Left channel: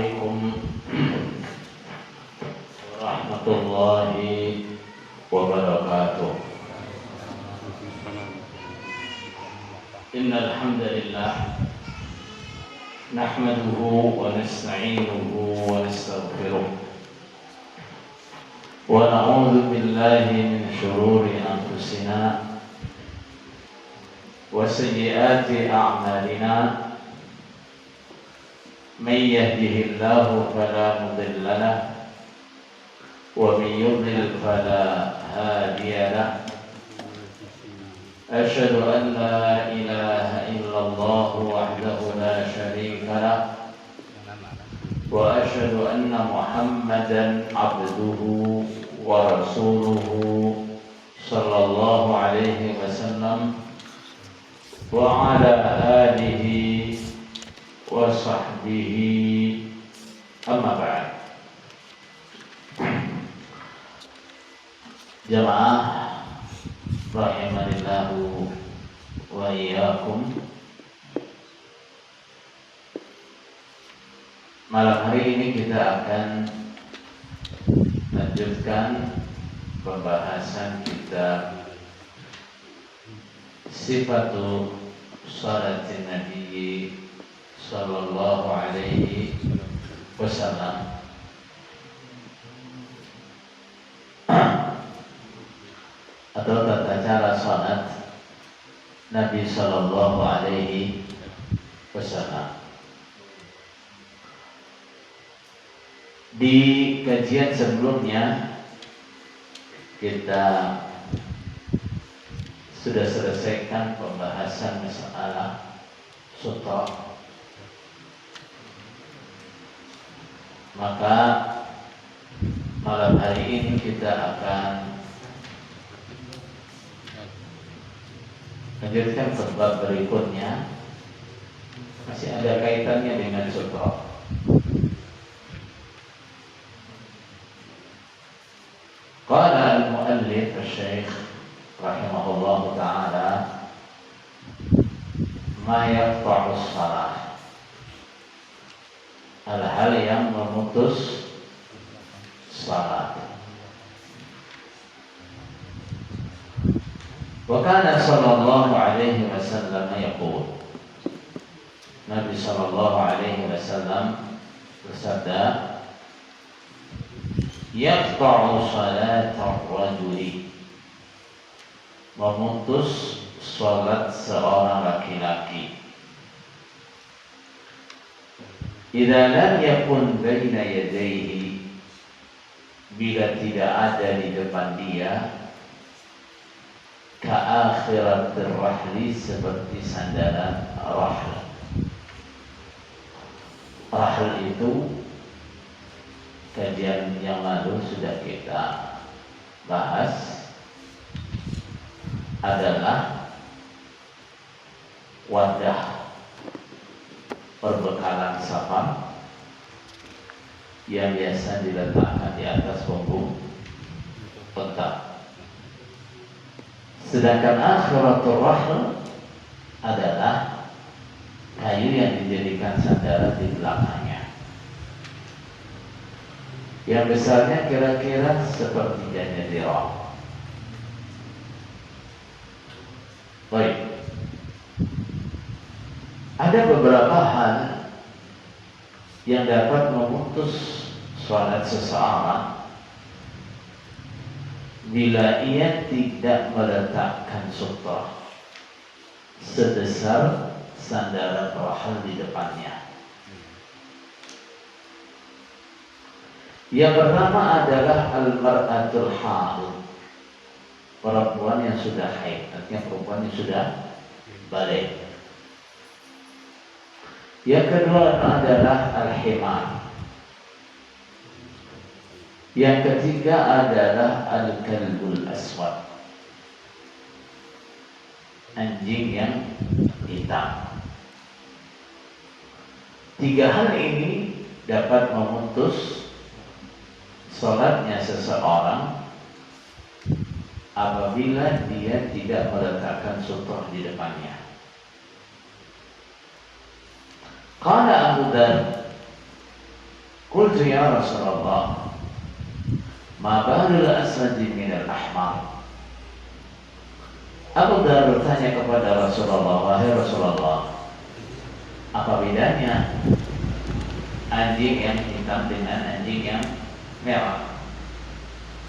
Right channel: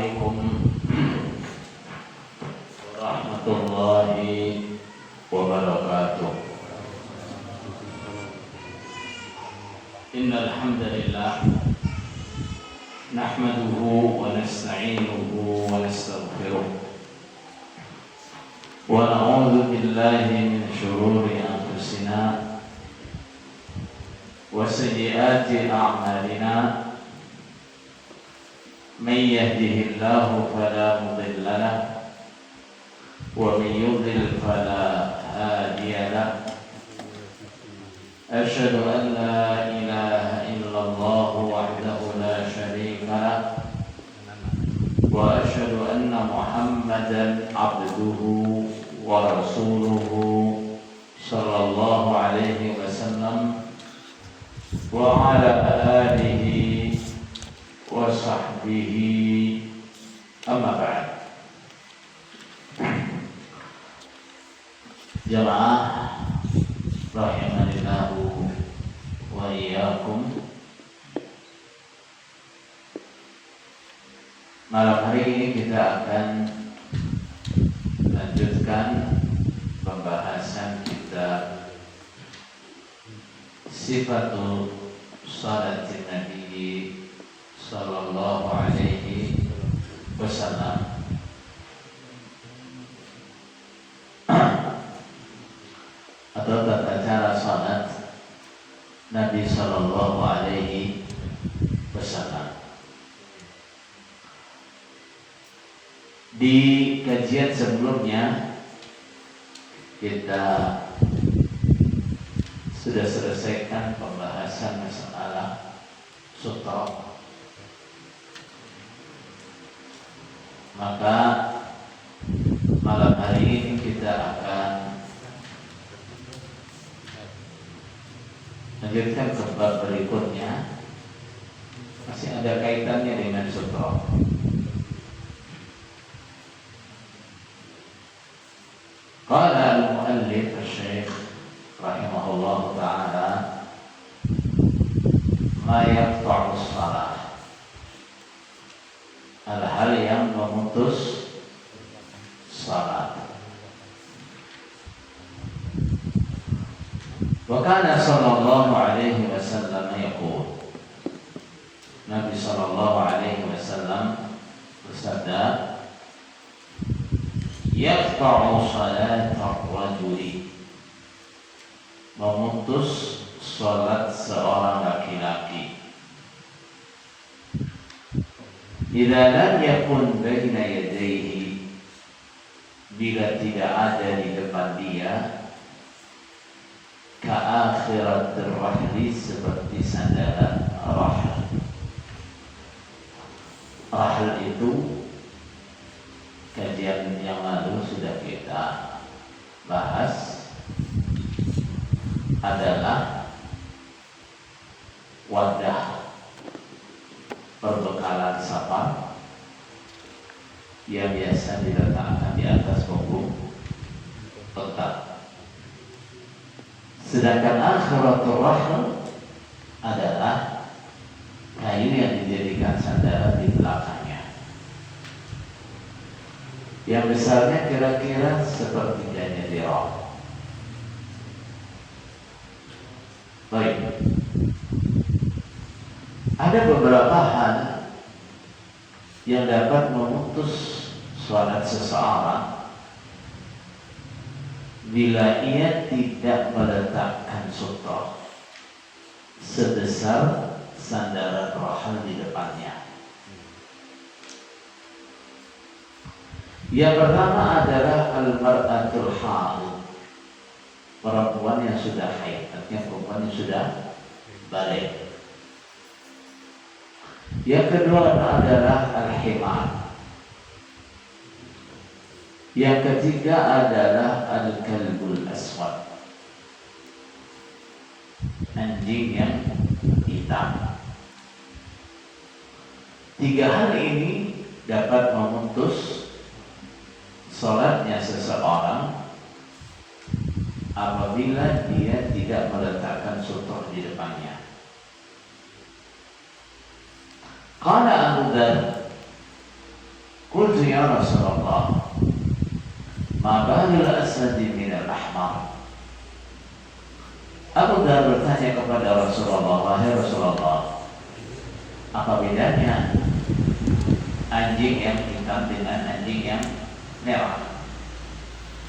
عليكم ورحمة الله وبركاته. إن الحمد لله نحمده ونستعينه ونستغفره ونعوذ بالله من شرور أنفسنا وسيئات أعمالنا. من يهده الله فلا مضل له ومن يضلل فلا هادي له. أشهد أن لا إله إلا الله وحده لا شريك له وأشهد أن محمدا عبده ورسوله صلى الله عليه وسلم وعلى آله وصحبه أما بعد. Jamaah rahimanillahu wa iyyakum. Malam hari ini kita akan lanjutkan pembahasan kitab Sifatul Salatin Nabi sallallahu alaihi wasallam. Atau tata cara salat Nabi sallallahu alaihi wasallam. Di kajian sebelumnya kita sudah selesaikan pembahasan masalah sutra. Maka malam hari ini kita akan lanjutkan ke bab berikutnya, masih ada kaitannya dengan sutra. Qala al-muallif asy-syaikh rahimahullahu ta'ala ma yaqta'u shalah, hal-hal yang memutus salat. Wa kana sallallahu alaihi wasallam yaqul, Nabi sallallahu alaihi wasallam bersabda, yaqta'u salat ar-rajuli, memutus salat seorang laki-laki, idza lam yakun baina yadayhi, bila tidak ada di depan dia, ka'akhiratir rahli, seperti sandaran rahl. Rahl itu kajian yang lalu sudah kita bahas, adalah wadah perbekalan safar yang biasa diletakkan di atas punggung unta. Sedangkan akhiratul rahl adalah kayu yang dijadikan sandaran di belakangnya, yang besarnya kira-kira seperti janjetirah. Baik, ada beberapa hal yang dapat memutus salat seseorang bila ia tidak meletakkan sutra sebesar sandaran rahl di depannya. Yang pertama adalah al-mar'atul haid, perempuan yang sudah haid, artinya perempuan yang sudah balik. Yang kedua adalah al-himar. Yang ketiga adalah al-kalbul aswad, anjing yang hitam. Tiga hal ini dapat memutus salatnya seseorang apabila dia tidak meletakkan sutra di depannya. Qala Abu Dzar Qultu ya Rasulullah, ma balul aswadi minal ahmar. Abu Dhar bertanya kepada Rasulullah, wahai Rasulullah, apa bedanya anjing yang hitam dengan anjing yang merah?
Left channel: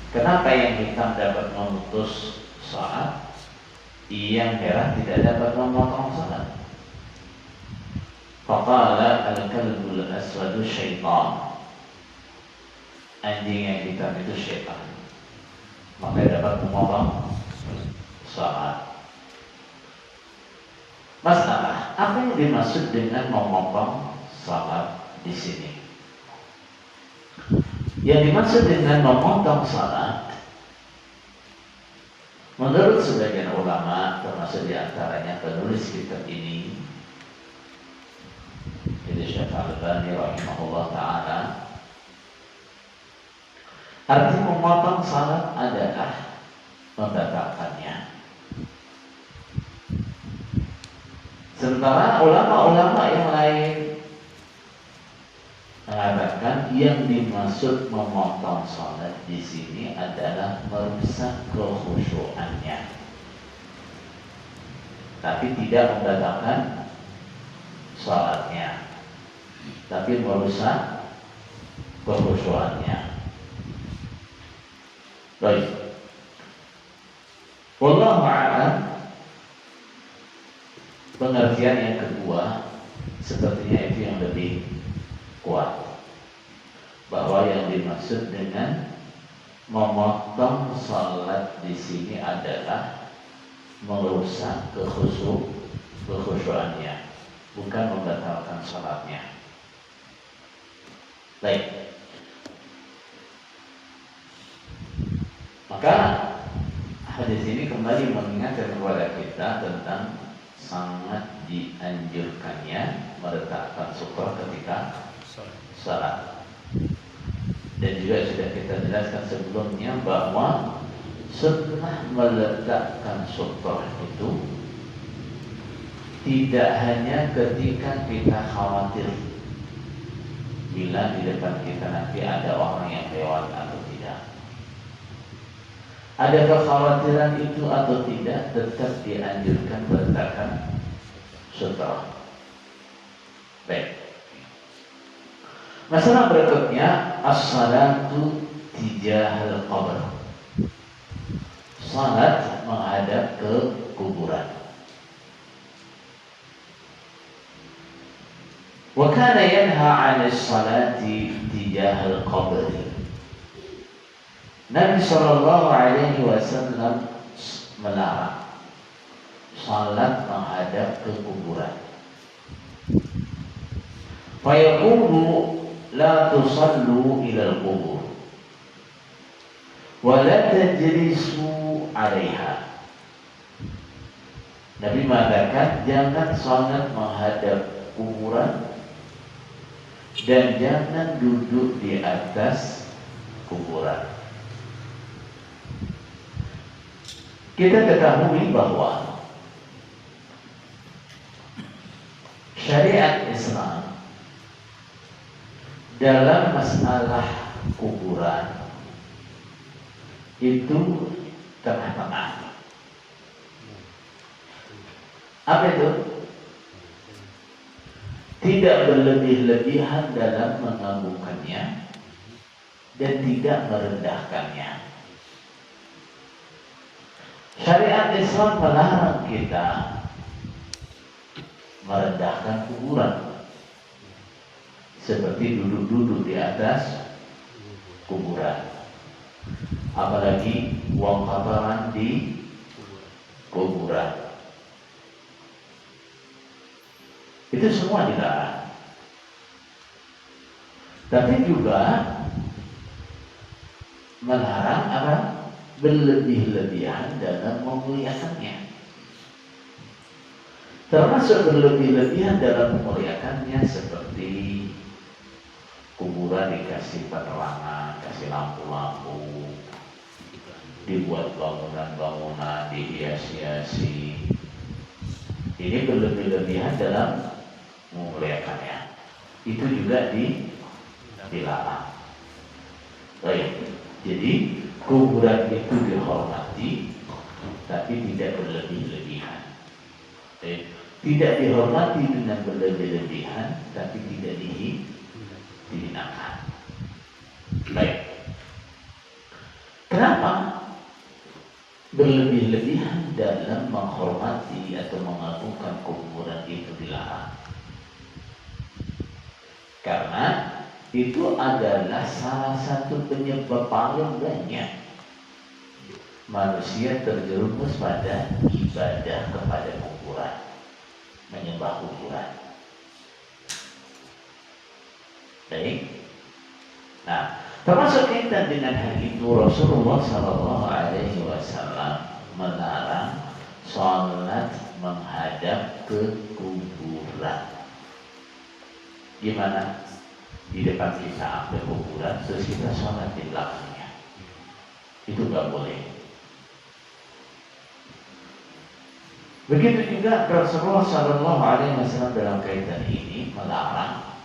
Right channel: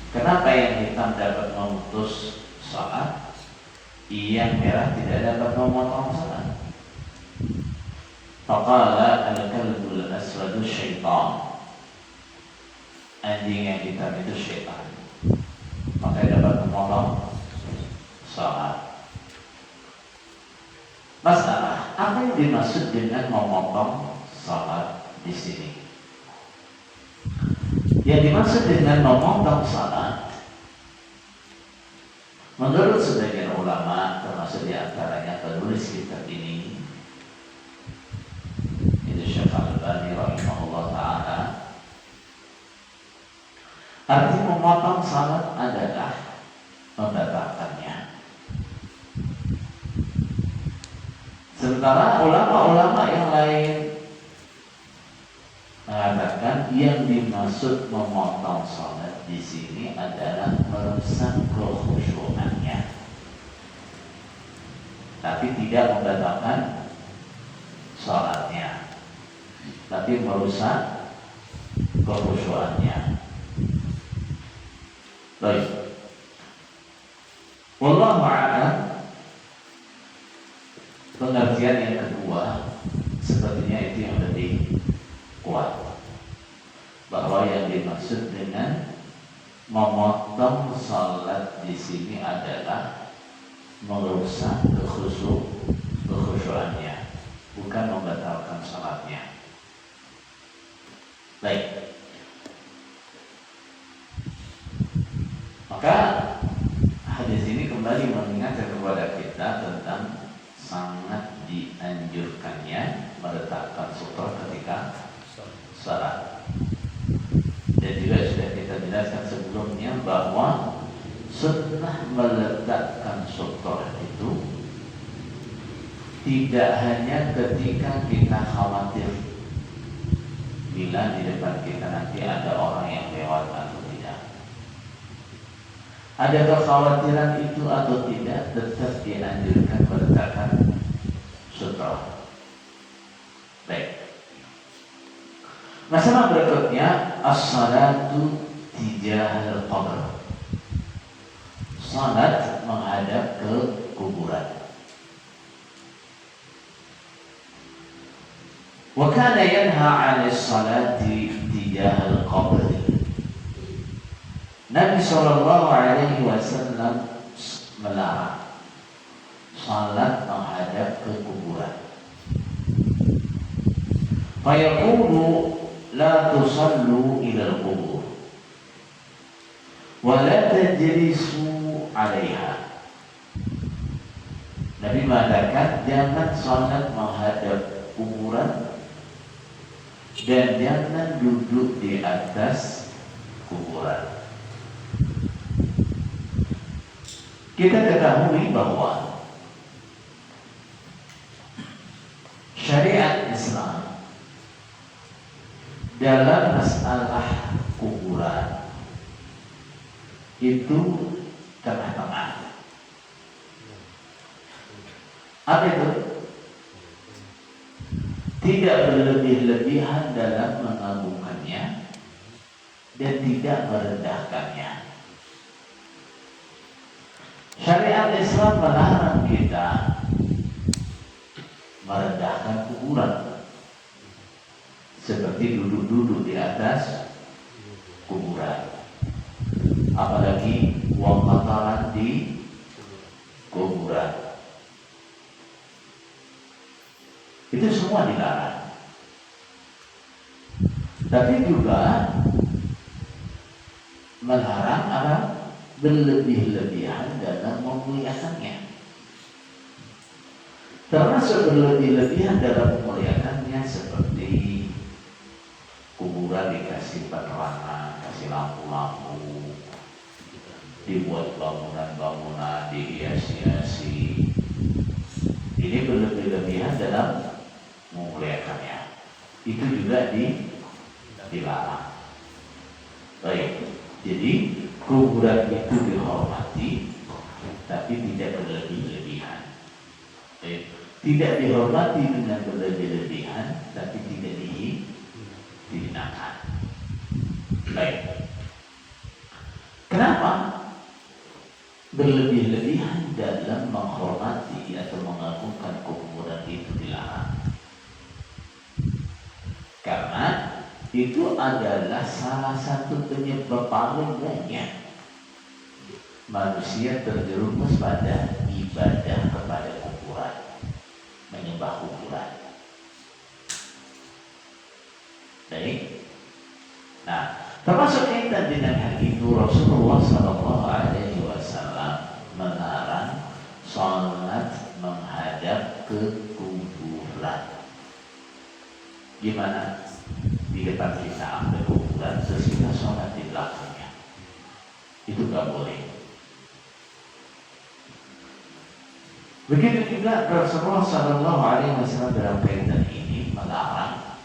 Kenapa yang hitam dapat memutus salat, yang merah tidak dapat memotong salat? Faqala al-kalbul aswadu syaitan. Anjing yang hitam itu syaitan, maka dapat memotong salat. Masalah, apa yang dimaksud dengan memotong salat di sini? Yang dimaksud dengan memotong salat, menurut sebagian ulama, termasuk diantaranya penulis kitab ini, itu Syekh Al-Albani rahimahullah ta'ala, arti memotong salat adalah membatalkannya. Sementara ulama-ulama yang lain mengatakan yang dimaksud memotong salat di sini adalah merusak kekhusyuannya, tapi tidak membatalkan salatnya, tapi merusak kekhusyuannya. Baik. Wallahu a'lam. Pengertian yang kedua sepertinya itu yang lebih kuat, bahwa yang dimaksud dengan memotong salat di sini adalah merusak kekhusyuannya, bukan membatalkan salatnya. Baik. Maka hadis ini kembali mengingatkan kepada kita tentang sangat dianjurkannya meletakkan sutra ketika salat. Dan juga sudah kita jelaskan sebelumnya bahwa sunnah meletakkan sutra itu tidak hanya ketika kita khawatir bila di depan kita nanti ada orang yang lewat atau tidak. Ada kekhawatiran itu atau tidak, tetap dianjurkan meletakkan sutra. Baik. Masalah berikutnya, as-salatu tijahal qabr. Salat menghadap ke kuburan. Wa kana yanha 'anil salati tijahal qabr. Nabi Shallallahu Alaihi Wasallam melarang salat menghadap ke kuburan. Fayaqulu la tusallu ila al-qubur wa la tajlisu 'alaiha. Nabi mengatakan jangan salat menghadap kuburan dan jangan duduk di atas kuburan. Kita ketahui bahwa syariat Islam dalam masalah kuburan itu tengah-tengah. Apa itu? Tidak berlebih-lebihan dalam mengagungkannya dan tidak merendahkannya. Syariat Islam melarang kita merendahkan kuburan, seperti duduk-duduk di atas kuburan, apalagi buang kotoran di kuburan. Itu semua dilarang. Tapi juga melarang apa? Berlebih-lebihan dalam memuliakannya. Termasuk berlebih-lebihan dalam memuliakannya seperti kuburan dikasih penerangan, kasih lampu-lampu, dibuat bangunan-bangunan, dihias-hiasi. Ini berlebih-lebihan dalam memuliakannya. Itu juga dilarang. Baik, jadi kuburan itu dihormati, tapi tidak berlebih-lebihan. Tidak dihormati dengan berlebih-lebihan, tapi tidak dihinakan. Baik. Kenapa berlebih-lebihan dalam menghormati atau mengagungkan kuburan itu dilarang? Karena itu adalah salah satu penyebab paling banyak manusia terjerumus pada ibadah kepada kuburan, menyembah kuburan. Baik. Nah, termasuk kaitan dengan hal itu Rasulullah SAW melarang sholat menghadap ke kuburan. Gimana? Di depan kita ada kuburan, terus kita sholat di belakangnya. Itu gak boleh. Begitu juga Rasulullah SAW dalam kaitan ini melarang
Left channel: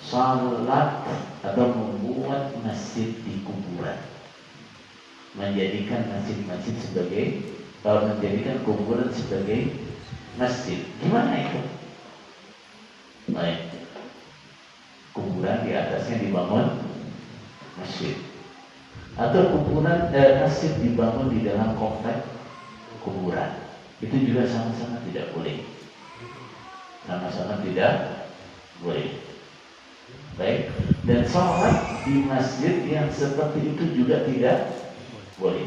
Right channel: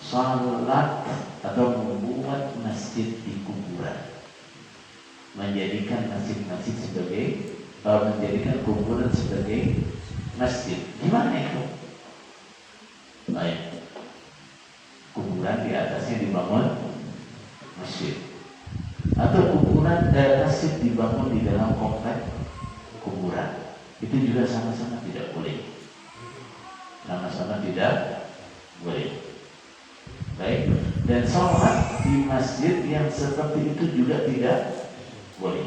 salat atau membuat masjid di kuburan, menjadikan masjid-masjid menjadikan kuburan sebagai masjid. Gimana itu? Baik, kuburan di atasnya dibangun masjid, atau kuburan masjid dibangun di dalam komplek kuburan. Itu juga sama-sama tidak boleh. Sama-sama tidak boleh. Baik, dan sholat di masjid yang seperti itu juga tidak boleh.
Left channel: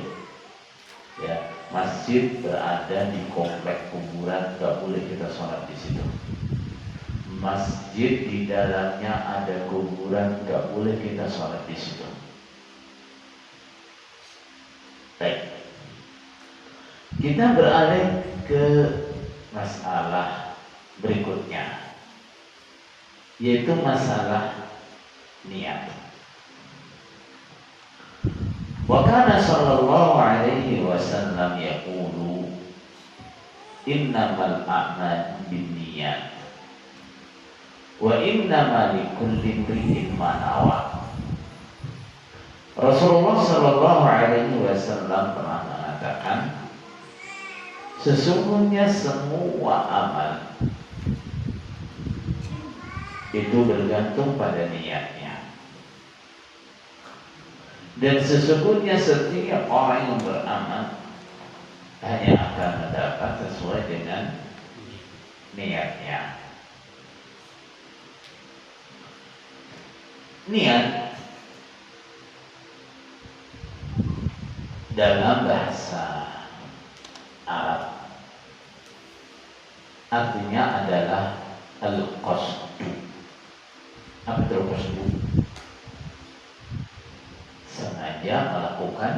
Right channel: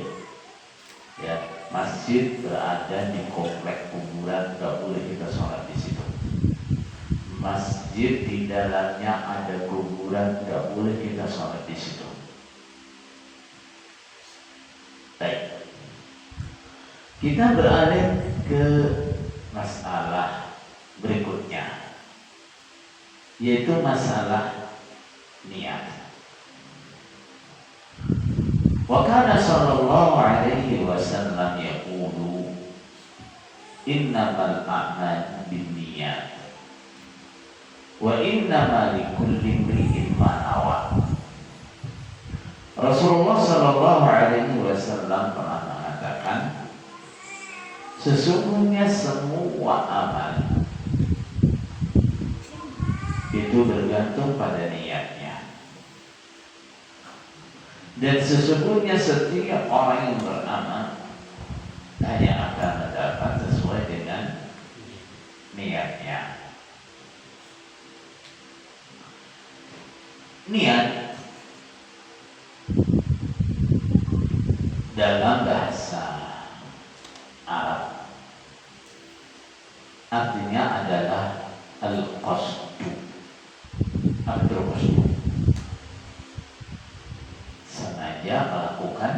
Ya, masjid berada di komplek kuburan, tidak boleh kita sholat di situ. Masjid di dalamnya ada kuburan, tidak boleh kita sholat di situ. Baik, kita beralih ke masalah berikutnya, yaitu masalah niat. Wa kana sallallahu alaihi wasallam yaqulu innamal a'malu binniyat wa innamal likulli imri'in ma nawa. Rasulullah sallallahu alaihi wasallam pernah mengatakan, sesungguhnya semua amal itu bergantung pada niatnya. Dan sesungguhnya setiap orang yang beramal hanya akan mendapat sesuai dengan niatnya. Niat dalam bahasa Arab artinya adalah al-qasdu. Apa itu qasdu? Sengaja melakukan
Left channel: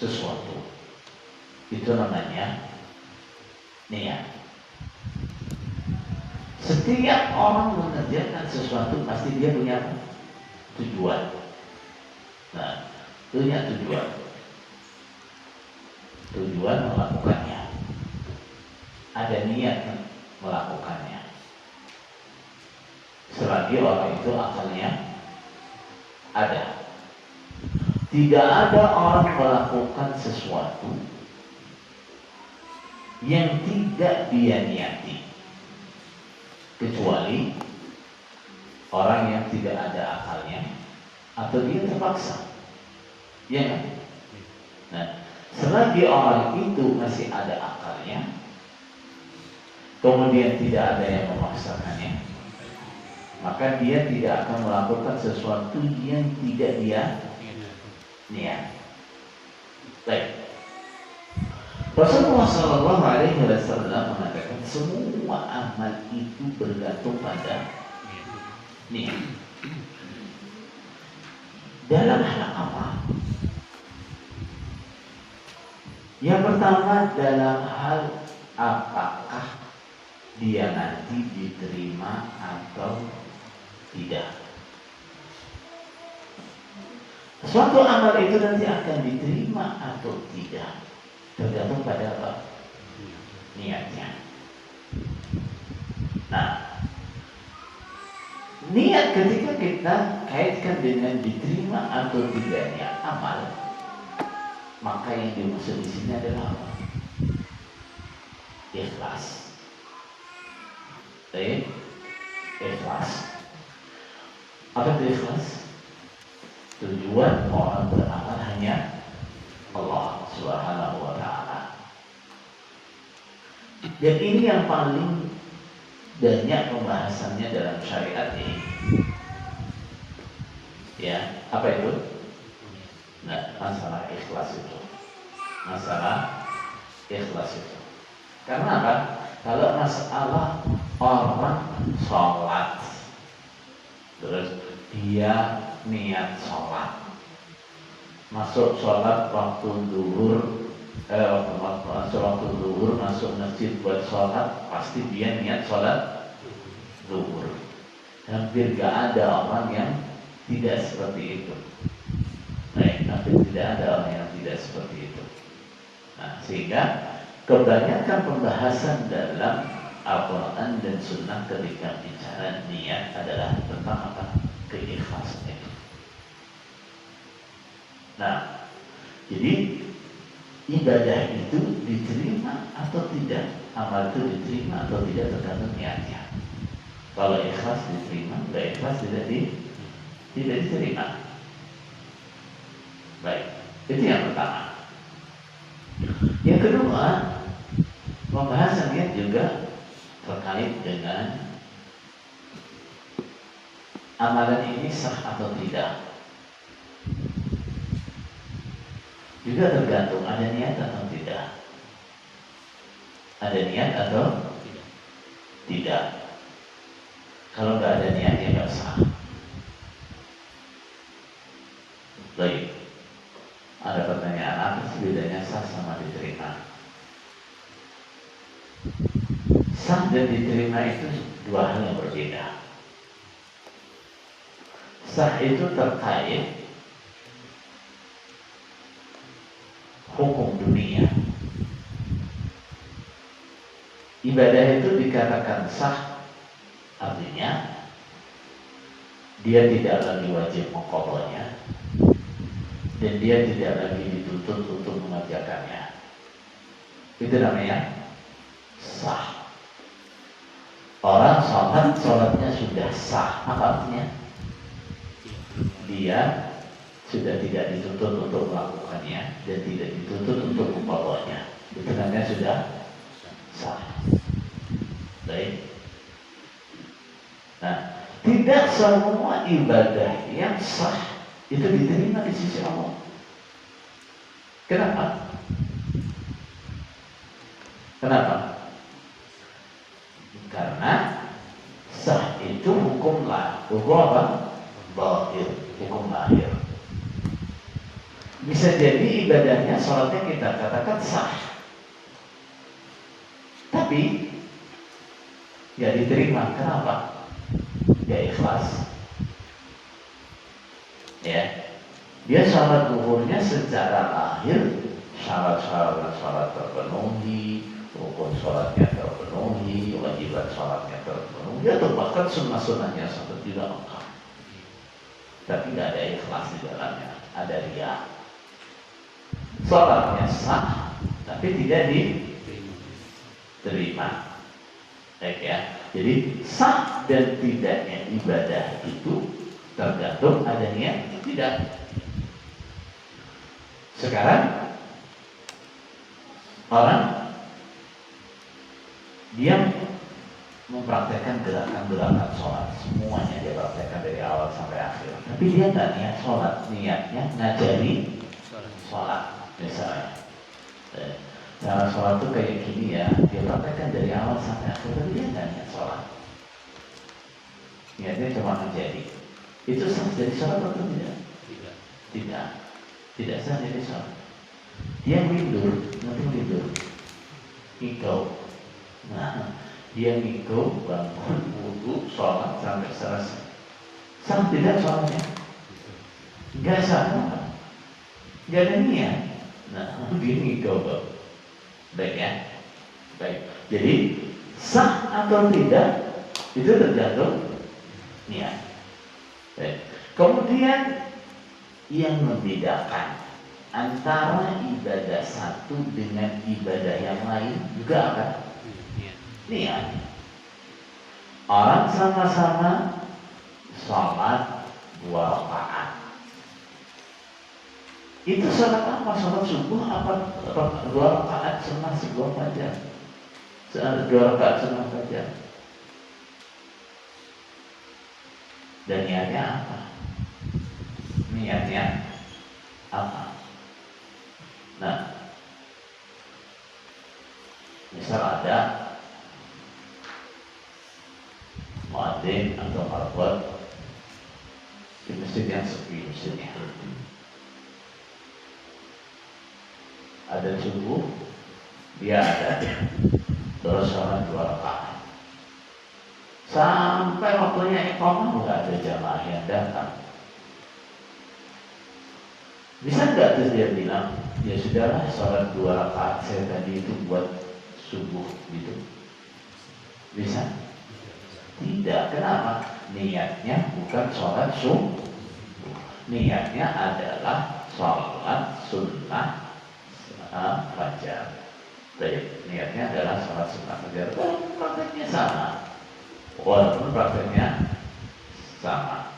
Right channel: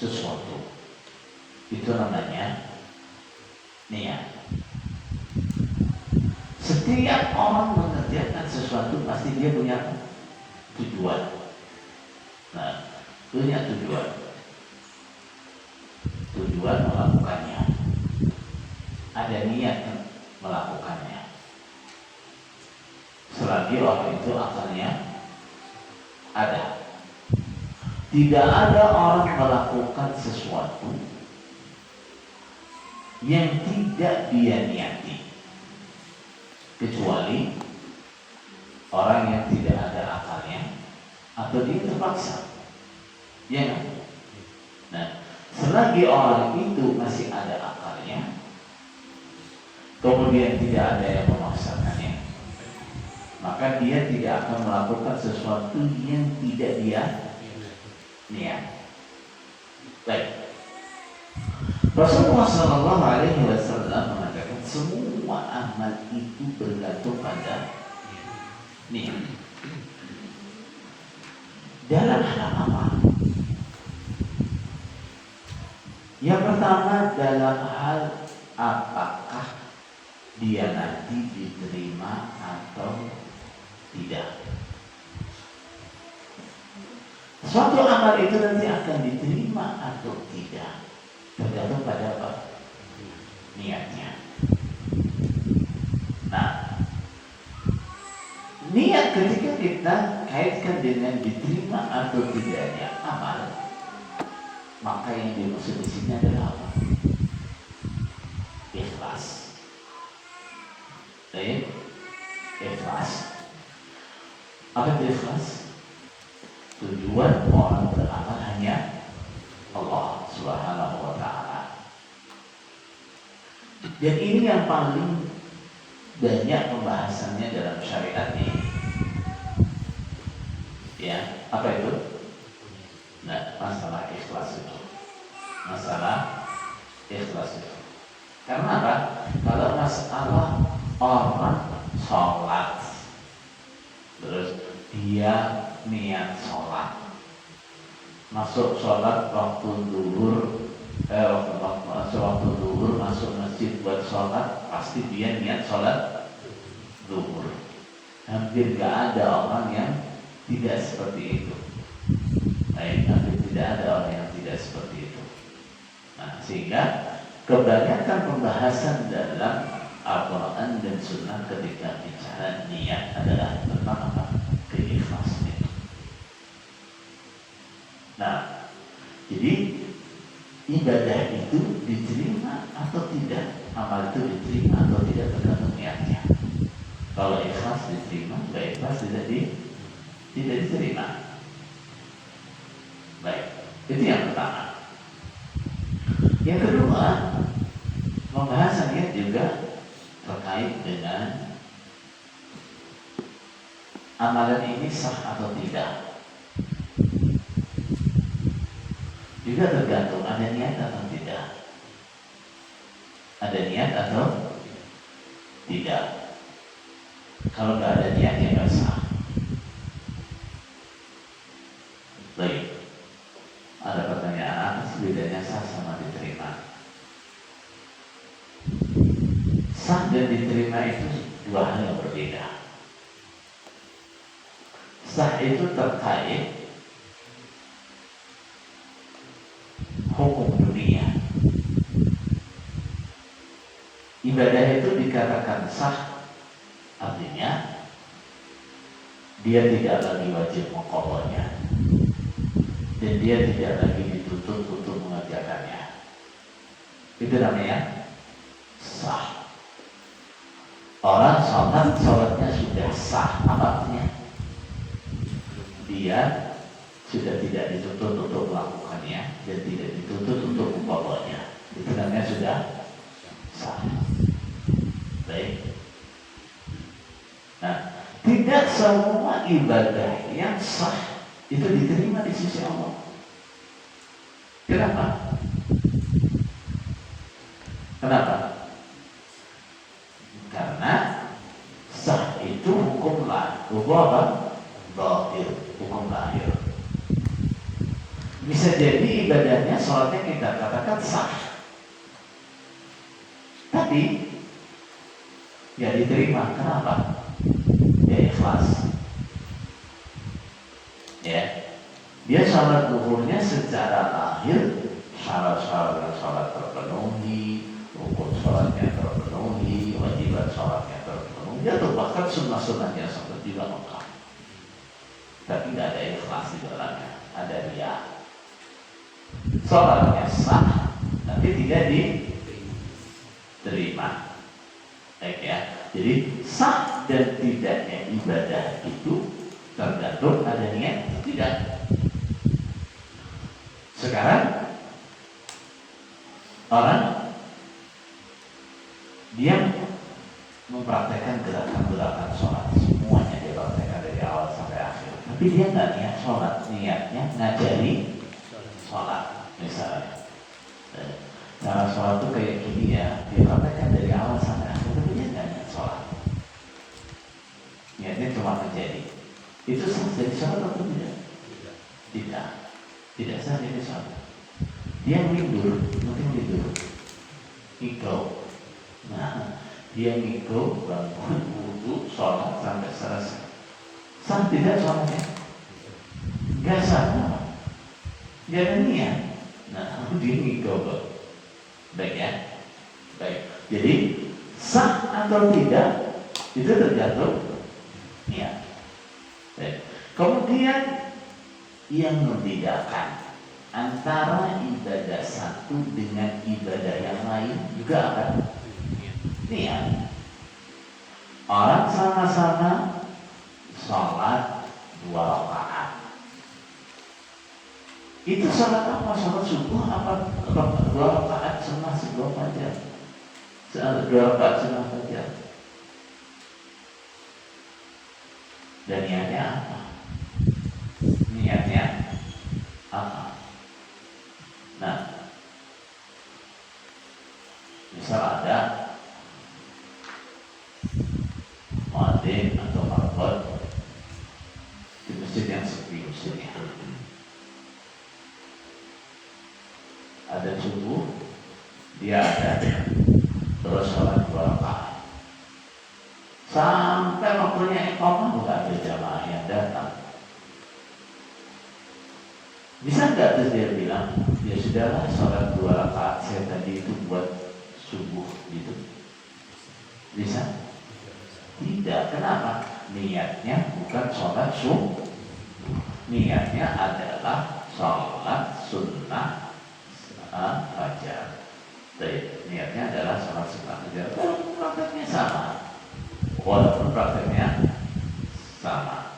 sesuatu. Itu namanya niat. Setiap orang mengerjakan sesuatu pasti dia punya tujuan. Nah, punya tujuan. Tujuan melakukannya. Ada niat melakukannya. Selagi orang itu akalnya ada. Tidak ada orang melakukan sesuatu yang tidak dia niati, kecuali orang yang tidak ada akalnya atau dia terpaksa. Ya kan? Nah, selagi orang itu masih ada akalnya, kemudian tidak ada yang memaksakannya, maka dia tidak akan melakukan sesuatu yang tidak dia niat. Baik. Rasulullah Shallallahu Alaihi Wasallam mengatakan semua amal itu bergantung pada niat. Dalam hal apa? Yang pertama dalam hal apakah dia nanti diterima atau tidak. Suatu amal itu nanti akan diterima atau tidak tergantung pada apa? Niatnya. Nah, niat ketika kita kaitkan dengan diterima atau tidaknya amal, maka yang dimaksud di sini adalah apa? Ikhlas. Baik, ikhlas. Apa itu ikhlas? Tujuan orang beramal hanya Allah Subhanahu wa Ta'ala. Dan ini yang paling banyak pembahasannya dalam syariat ini. Ya, apa itu? Nah, masalah ikhlas itu. Masalah ikhlas itu. Karena apa? Kalau masalah orang sholat, terus dia niat sholat, masuk sholat waktu duhur, waktu duhur masuk masjid buat sholat, pasti dia niat sholat duhur. Hampir gak ada orang yang tidak seperti itu. Baik, hampir tidak ada orang yang tidak seperti itu. Nah, sehingga kebanyakan pembahasan dalam Al-Quran dan Sunnah ketika bicara niat adalah tentang apa? Keikhlasan. Nah, jadi ibadah itu diterima atau tidak, amal itu diterima atau tidak tergantung niatnya. Kalau ikhlas diterima, tidak ikhlas tidak diterima. Baik, itu yang pertama. Yang kedua, pembahasan niat juga terkait dengan amalan ini sah atau tidak. Juga tergantung ada niat atau tidak. Ada niat atau tidak. Kalau nggak ada niat ya nggak sah. Baik. Ada pertanyaan, apa sih bedanya sah sama diterima? Sah dan diterima itu dua hal yang berbeda. Sah itu terkait hukum dunia. Ibadah itu dikatakan sah, artinya dia tidak lagi wajib mengqadhanya dan dia tidak lagi dituntut untuk mengerjakannya. Itu namanya sah. Orang sholatnya sudah sah, apa artinya? Dia sudah tidak dituntut untuk melakukannya dan tidak dituntut untuk mengqadhanya. Itu namanya sudah sah. Baik. Nah, tidak semua ibadah yang sah itu diterima di sisi Allah. Kenapa? Kenapa? Karena sah itu hukum lahir. Hukum apa? Lahir. Hukum lahir. Bisa jadi ibadahnya, sholatnya kita katakan sah, tapi gak diterima. Kenapa? Ya ikhlas. Ya, dia sholat duhurnya secara lahir, syarat terpenuhi, rukun sholatnya terpenuhi, wajibat sholatnya terpenuhi, atau bahkan sunnah-sunnahnya seperti lengkap. Tapi gak ada ikhlas di dalamnya, ada riya. Sholatnya sah, tapi tidak diterima. Baik ya. Jadi sah dan tidaknya ibadah itu tergantung ada niat atau tidak. Sekarang orang dia mempraktekkan gerakan-gerakan sholat, semuanya dia praktekkan dari awal sampai akhir. Tapi dia nggak niat sholat, niatnya ngajari sholat misalnya. Cara sholat itu kayak gini ya, dia praktekkan dari awal sampai akhir, tapi dia nggak niat sholat. Niatnya cuma ngajari. Itu sah jadi sholat atau tidak? Tidak sah jadi sholat. Dia tidur, nanti tidur, ngigau. Nah, dia ngigau, bangun, wudu, sholat sampai selesai. Sah tidak sholatnya? Gak sah. Gak ada niat. Nah, dia ngigau. Baik ya. Baik. Jadi sah atau tidak itu tergantung niat. Kemudian yang membedakan antara ibadah satu dengan ibadah yang lain juga apa? Niat. Orang sama-sama sholat 2 rakaat. Itu sholat apa? Sholat subuh apa? 2 rakaat sunnah subuh fajar. 2 rakaat sunnah fajar. Dan niatnya apa? Niatnya apa? Nah, misal ada muadzin atau marbot di masjid yang sepi masjidnya. Ada subuh, dia ada terus sholat 2 rakaat. Sampai waktunya iqamah nggak ada jamaah yang datang. Bisa nggak terus dia bilang, ya sudahlah sholat 2 rakaat saya tadi itu buat subuh gitu? Bisa? Tidak. Kenapa? Niatnya bukan sholat subuh. Niatnya adalah sholat sunnah fajar. Baik, niatnya adalah sholat sunnah fajar. Walaupun prakteknya sama.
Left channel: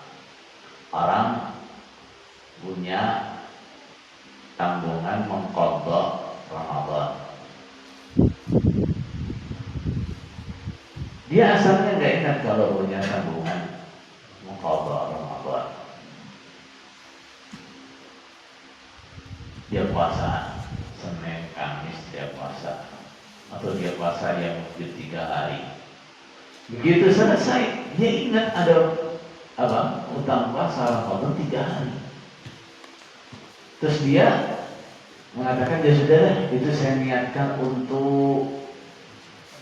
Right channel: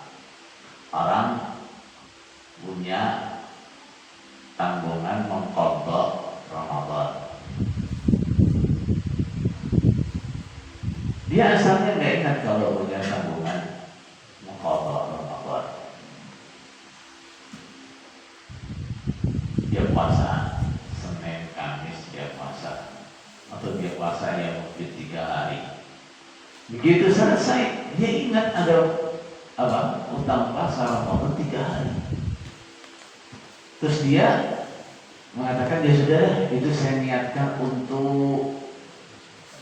Orang punya tanggungan mengqadha Ramadan. Dia asalnya nggak ingat kalau punya tanggungan mengqadha Ramadan. Dia puasa Senin, Kamis dia puasa, atau dia puasa yang mungkin 3 hari. Begitu selesai, dia ingat ada utang puasa Ramadan 3 hari. Terus dia mengatakan, ya sudah, itu saya niatkan untuk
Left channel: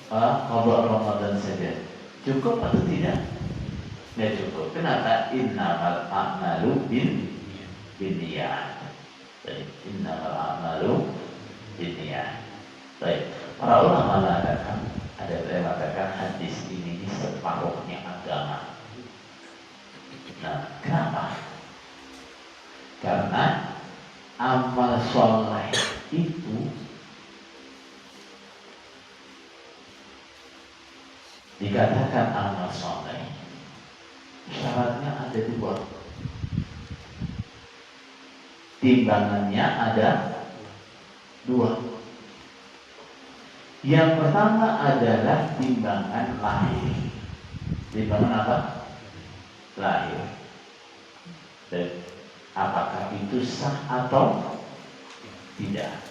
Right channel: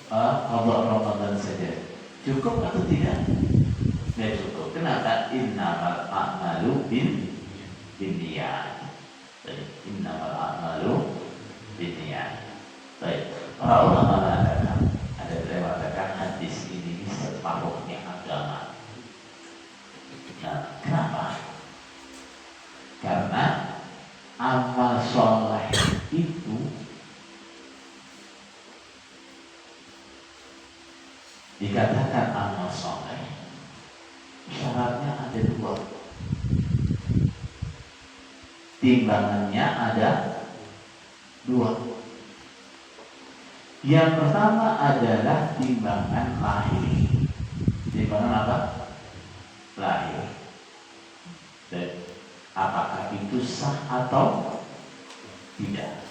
qadha Ramadan saja. Cukup atau tidak? Tidak cukup. Kenapa? Innamal a'malu binniyat. Innamal a'malu binniyat. Baik. Para ulama mengatakan, ada yang mengatakan hadis ini separuhnya agama. Nah, kenapa? Karena amal soleh itu dikatakan amal soleh, syaratnya ada 2. Timbangannya ada 2. Yang pertama adalah timbangan lahir. Timbangan apa? Lahir. Dan apakah itu sah atau tidak?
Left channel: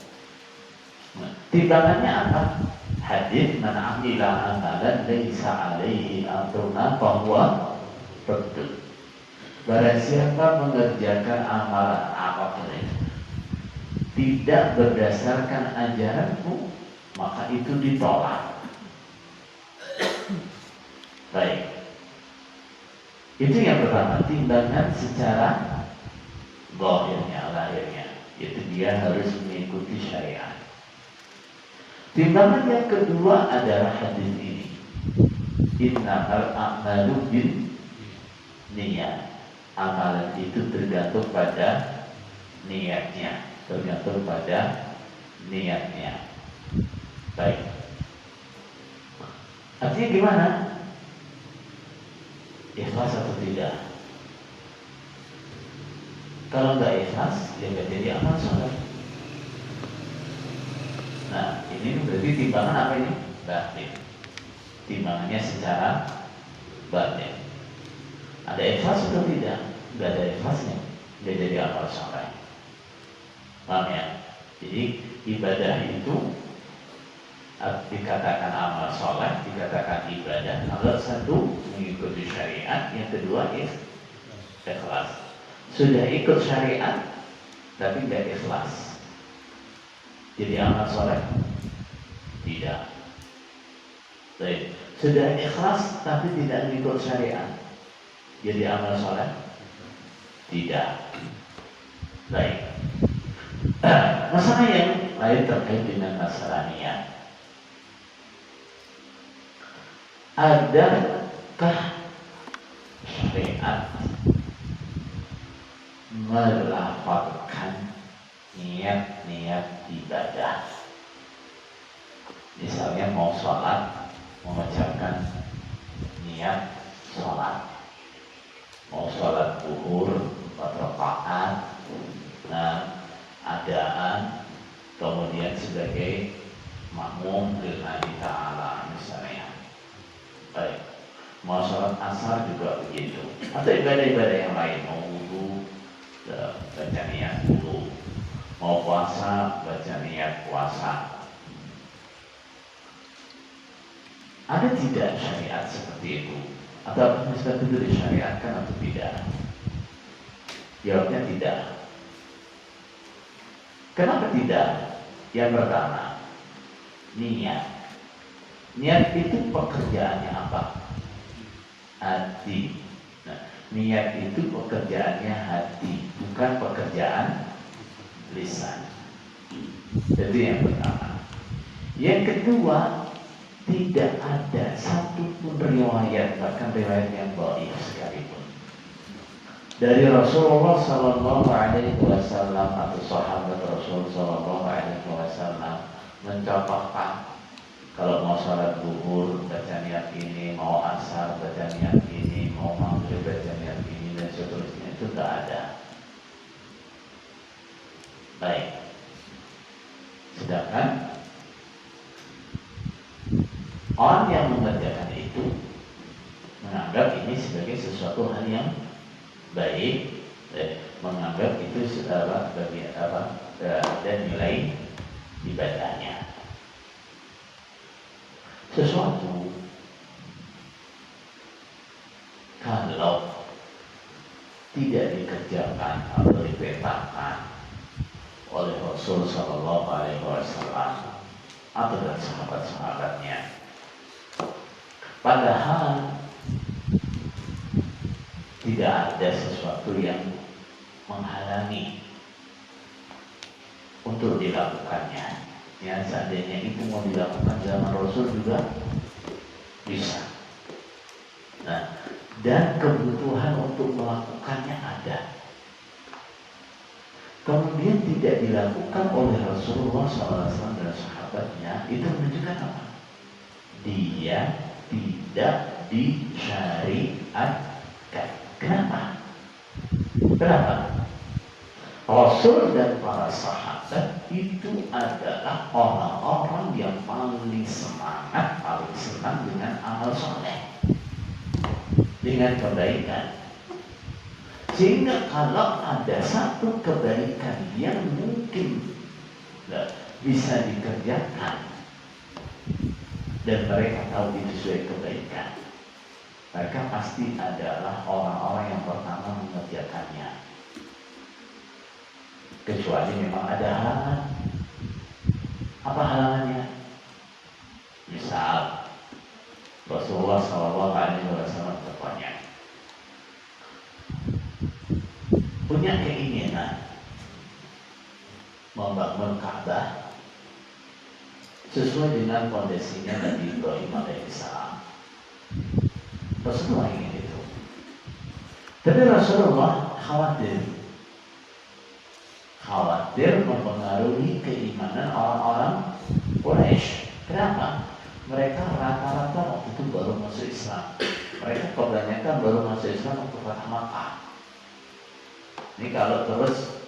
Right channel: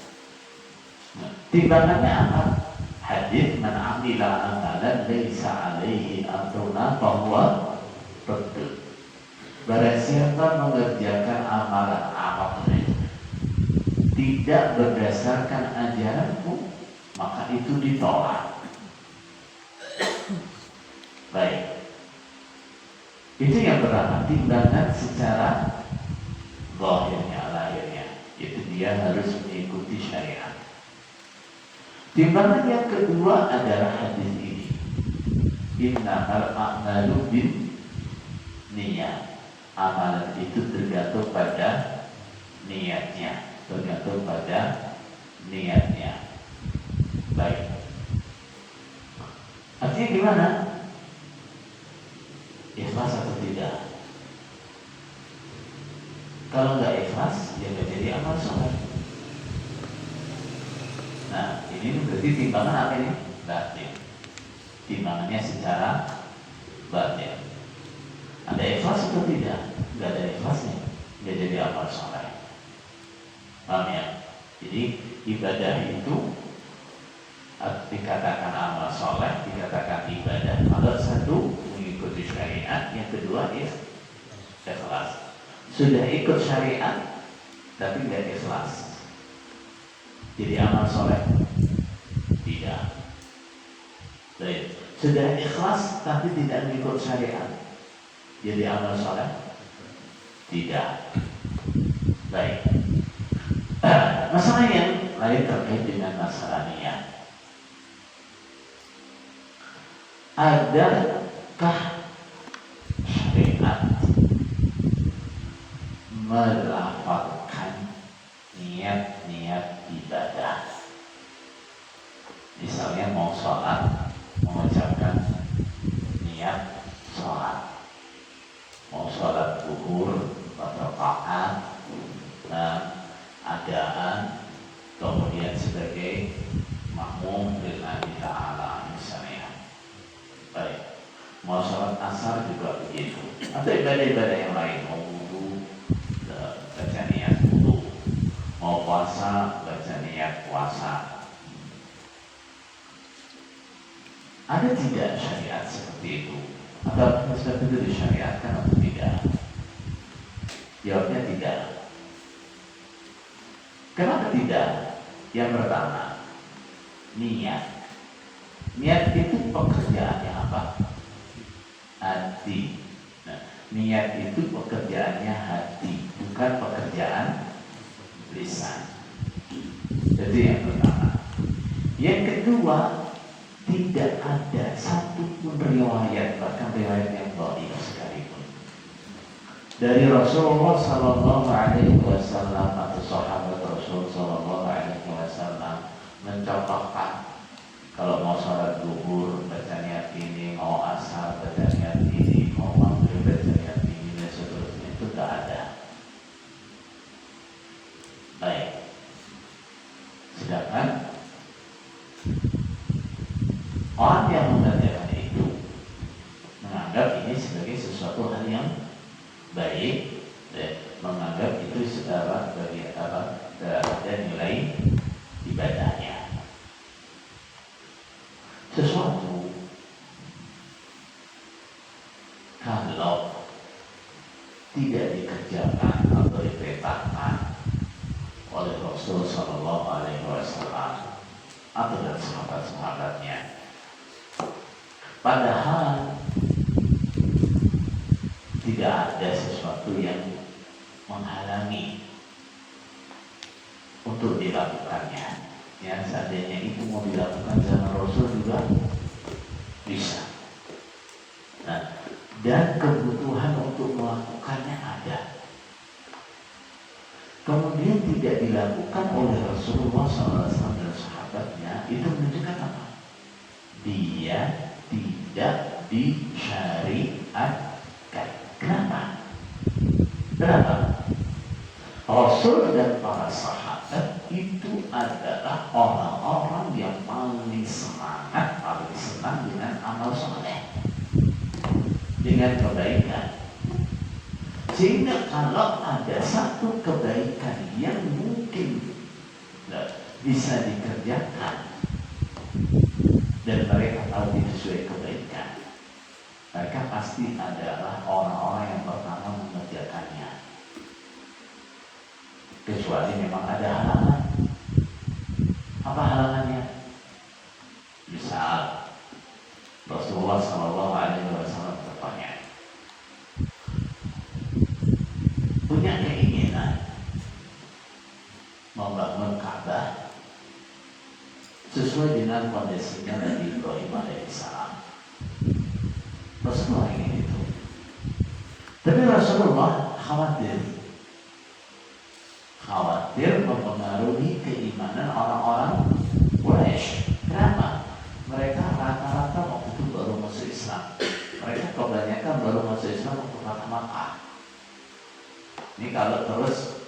Nah, timbangannya apa? Hadis man amila amalan laisa alaihi amruna fahuwa raddun. Barang siapa mengerjakan amalan apapun itu tidak berdasarkan ajaranku, maka itu ditolak. Baik. Itu yang pertama, timbangan secara zahirnya, lahirnya. Itu dia harus mengikuti syariat. Timbangan yang kedua adalah hadis ini. Innamal a'malu binniyat. Amalan itu tergantung pada niatnya. Tergantung pada niatnya. Baik. Artinya gimana? Ikhlas atau tidak? Kalau nggak ikhlas, ya nggak jadi amal soleh. Nah, ini berarti timbangan apa ini? Batin. Timbangannya secara batin. Ada ikhlas atau tidak? Nggak ada ikhlasnya, nggak jadi amal soleh. Paham ya? Jadi ibadah itu dikatakan amal soleh, dikatakan ibadah. Kalau satu mengikuti syariat, yang kedua ikhlas. Sudah ikut syariat, tapi nggak ikhlas, jadi amal soleh? Tidak. Baik. Sudah ikhlas, tapi tidak mengikut syariat, jadi amal soleh? Tidak. Baik. Masalah yang lain terkait dengan masalah niat. Adakah syariat melafalkan niat-niat ibadah. Misalnya mau sholat, mengucapkan niat sholat, mau sholat zuhur 4 rakaat, adaan, kemudian sebagai makmum lillahi ta'ala misalnya. Baik, mau sholat asar juga begitu, atau ibadah-ibadah yang lain, mau wudu, baca niat wudu, mau puasa, baca niat puasa. Ada tidak syariat seperti itu? Atau hanya seperti itu disyariatkan atau tidak? Jawabnya tidak. Kenapa tidak? Yang pertama, niat. Niat itu pekerjaannya apa? Hati. Nah, niat itu pekerjaannya hati, bukan pekerjaan lisan. Jadi yang pertama. Yang kedua, tidak ada satupun riwayat, bahkan riwayat yang dhaif sekalipun, dari Rasulullah Sallallahu Alaihi Wasallam atau sahabat Rasul Sallallahu Alaihi Wasallam mencontohkan kalau mau sholat zuhur baca niat ini, mau asar baca niat ini, mau maghrib baca niat ini, dan seterusnya. Itu tidak ada. Baik. Sedangkan orang yang mengerjakan itu menganggap ini sebagai sesuatu hal yang baik, menganggap itu sebagai dan nilai ibadahnya. Sesuatu kalau tidak dikerjakan atau diperintahkan oleh Rasul Sallallahu Alaihi Wasallam atau dan sahabat-sahabatnya, padahal tidak ada sesuatu yang menghalangi untuk dilakukannya. Yang seandainya itu mau dilakukan zaman Rasul juga bisa. Nah, dan kebutuhan untuk melakukannya ada. Kemudian tidak dilakukan oleh Rasulullah SAW dan sahabatnya, itu menunjukkan apa? Dia tidak disyariatkan. Kenapa? Rasul dan para sahabat itu adalah orang-orang yang paling semangat, paling senang dengan amal soleh, dengan kebaikan. Sehingga kalau ada satu kebaikan yang mungkin bisa dikerjakan dan mereka tahu itu sebagai kebaikan, mereka pasti adalah orang-orang yang pertama mengerjakannya. Kecuali memang ada halangan. Apa halangannya? Misal Rasulullah SAW bertanya, punya keinginan membangun Ka'bah sesuai dengan kondisinya Nabi Ibrahim alaihissalam. Rasulullah ingin itu, tapi Rasulullah khawatir mempengaruhi keimanan orang-orang Quraisy. Kenapa? Mereka rata-rata waktu itu baru masuk Islam. Mereka kebanyakan baru masuk Islam waktu Fathu Makkah. Ini kalau terus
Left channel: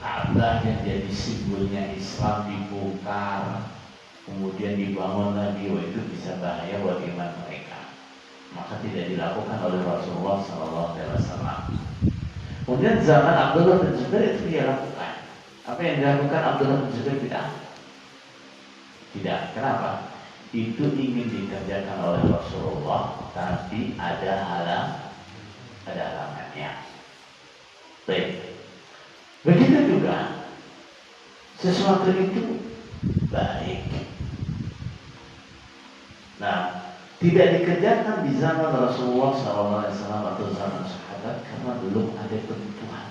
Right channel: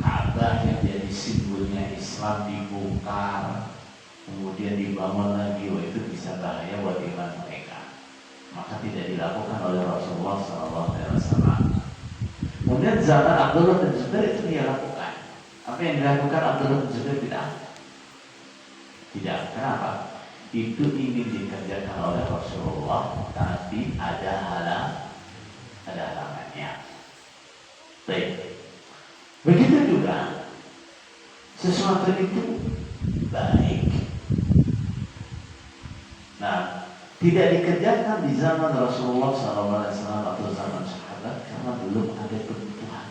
Ka'bah yang jadi simbolnya Islam dibongkar, kemudian dibangun lagi, itu bisa bahaya buat iman mereka. Maka tidak dilakukan oleh Rasulullah SAW. Kemudian zaman Abdullah bin Zubair itu dia lakukan. Apa yang dilakukan Abdullah bin Zubair tidak. Kenapa? Itu ingin dikerjakan oleh Rasulullah, tapi ada halangannya. Baik. Begitu juga sesuatu itu baik. Nah, tidak dikerjakan di zaman Rasulullah SAW atau zaman sahabat karena belum ada kebutuhan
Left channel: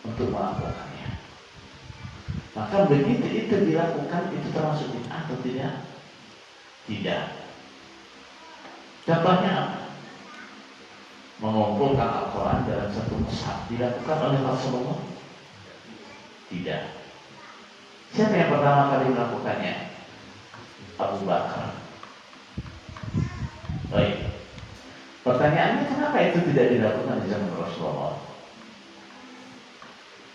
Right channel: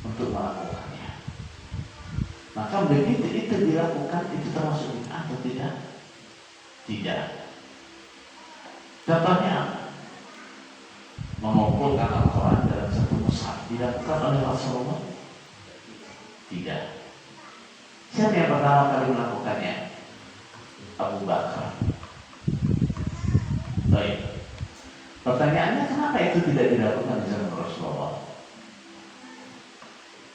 untuk melakukannya. Maka begitu itu dilakukan, itu termasuk bid'ah atau tidak? Tidak. Contohnya apa? Mengumpulkan Al-Quran dalam satu mushaf dilakukan oleh Rasulullah? Tidak. Siapa yang pertama kali melakukannya? Abu Bakar. Baik. Pertanyaannya, kenapa itu tidak dilakukan di zaman Rasulullah?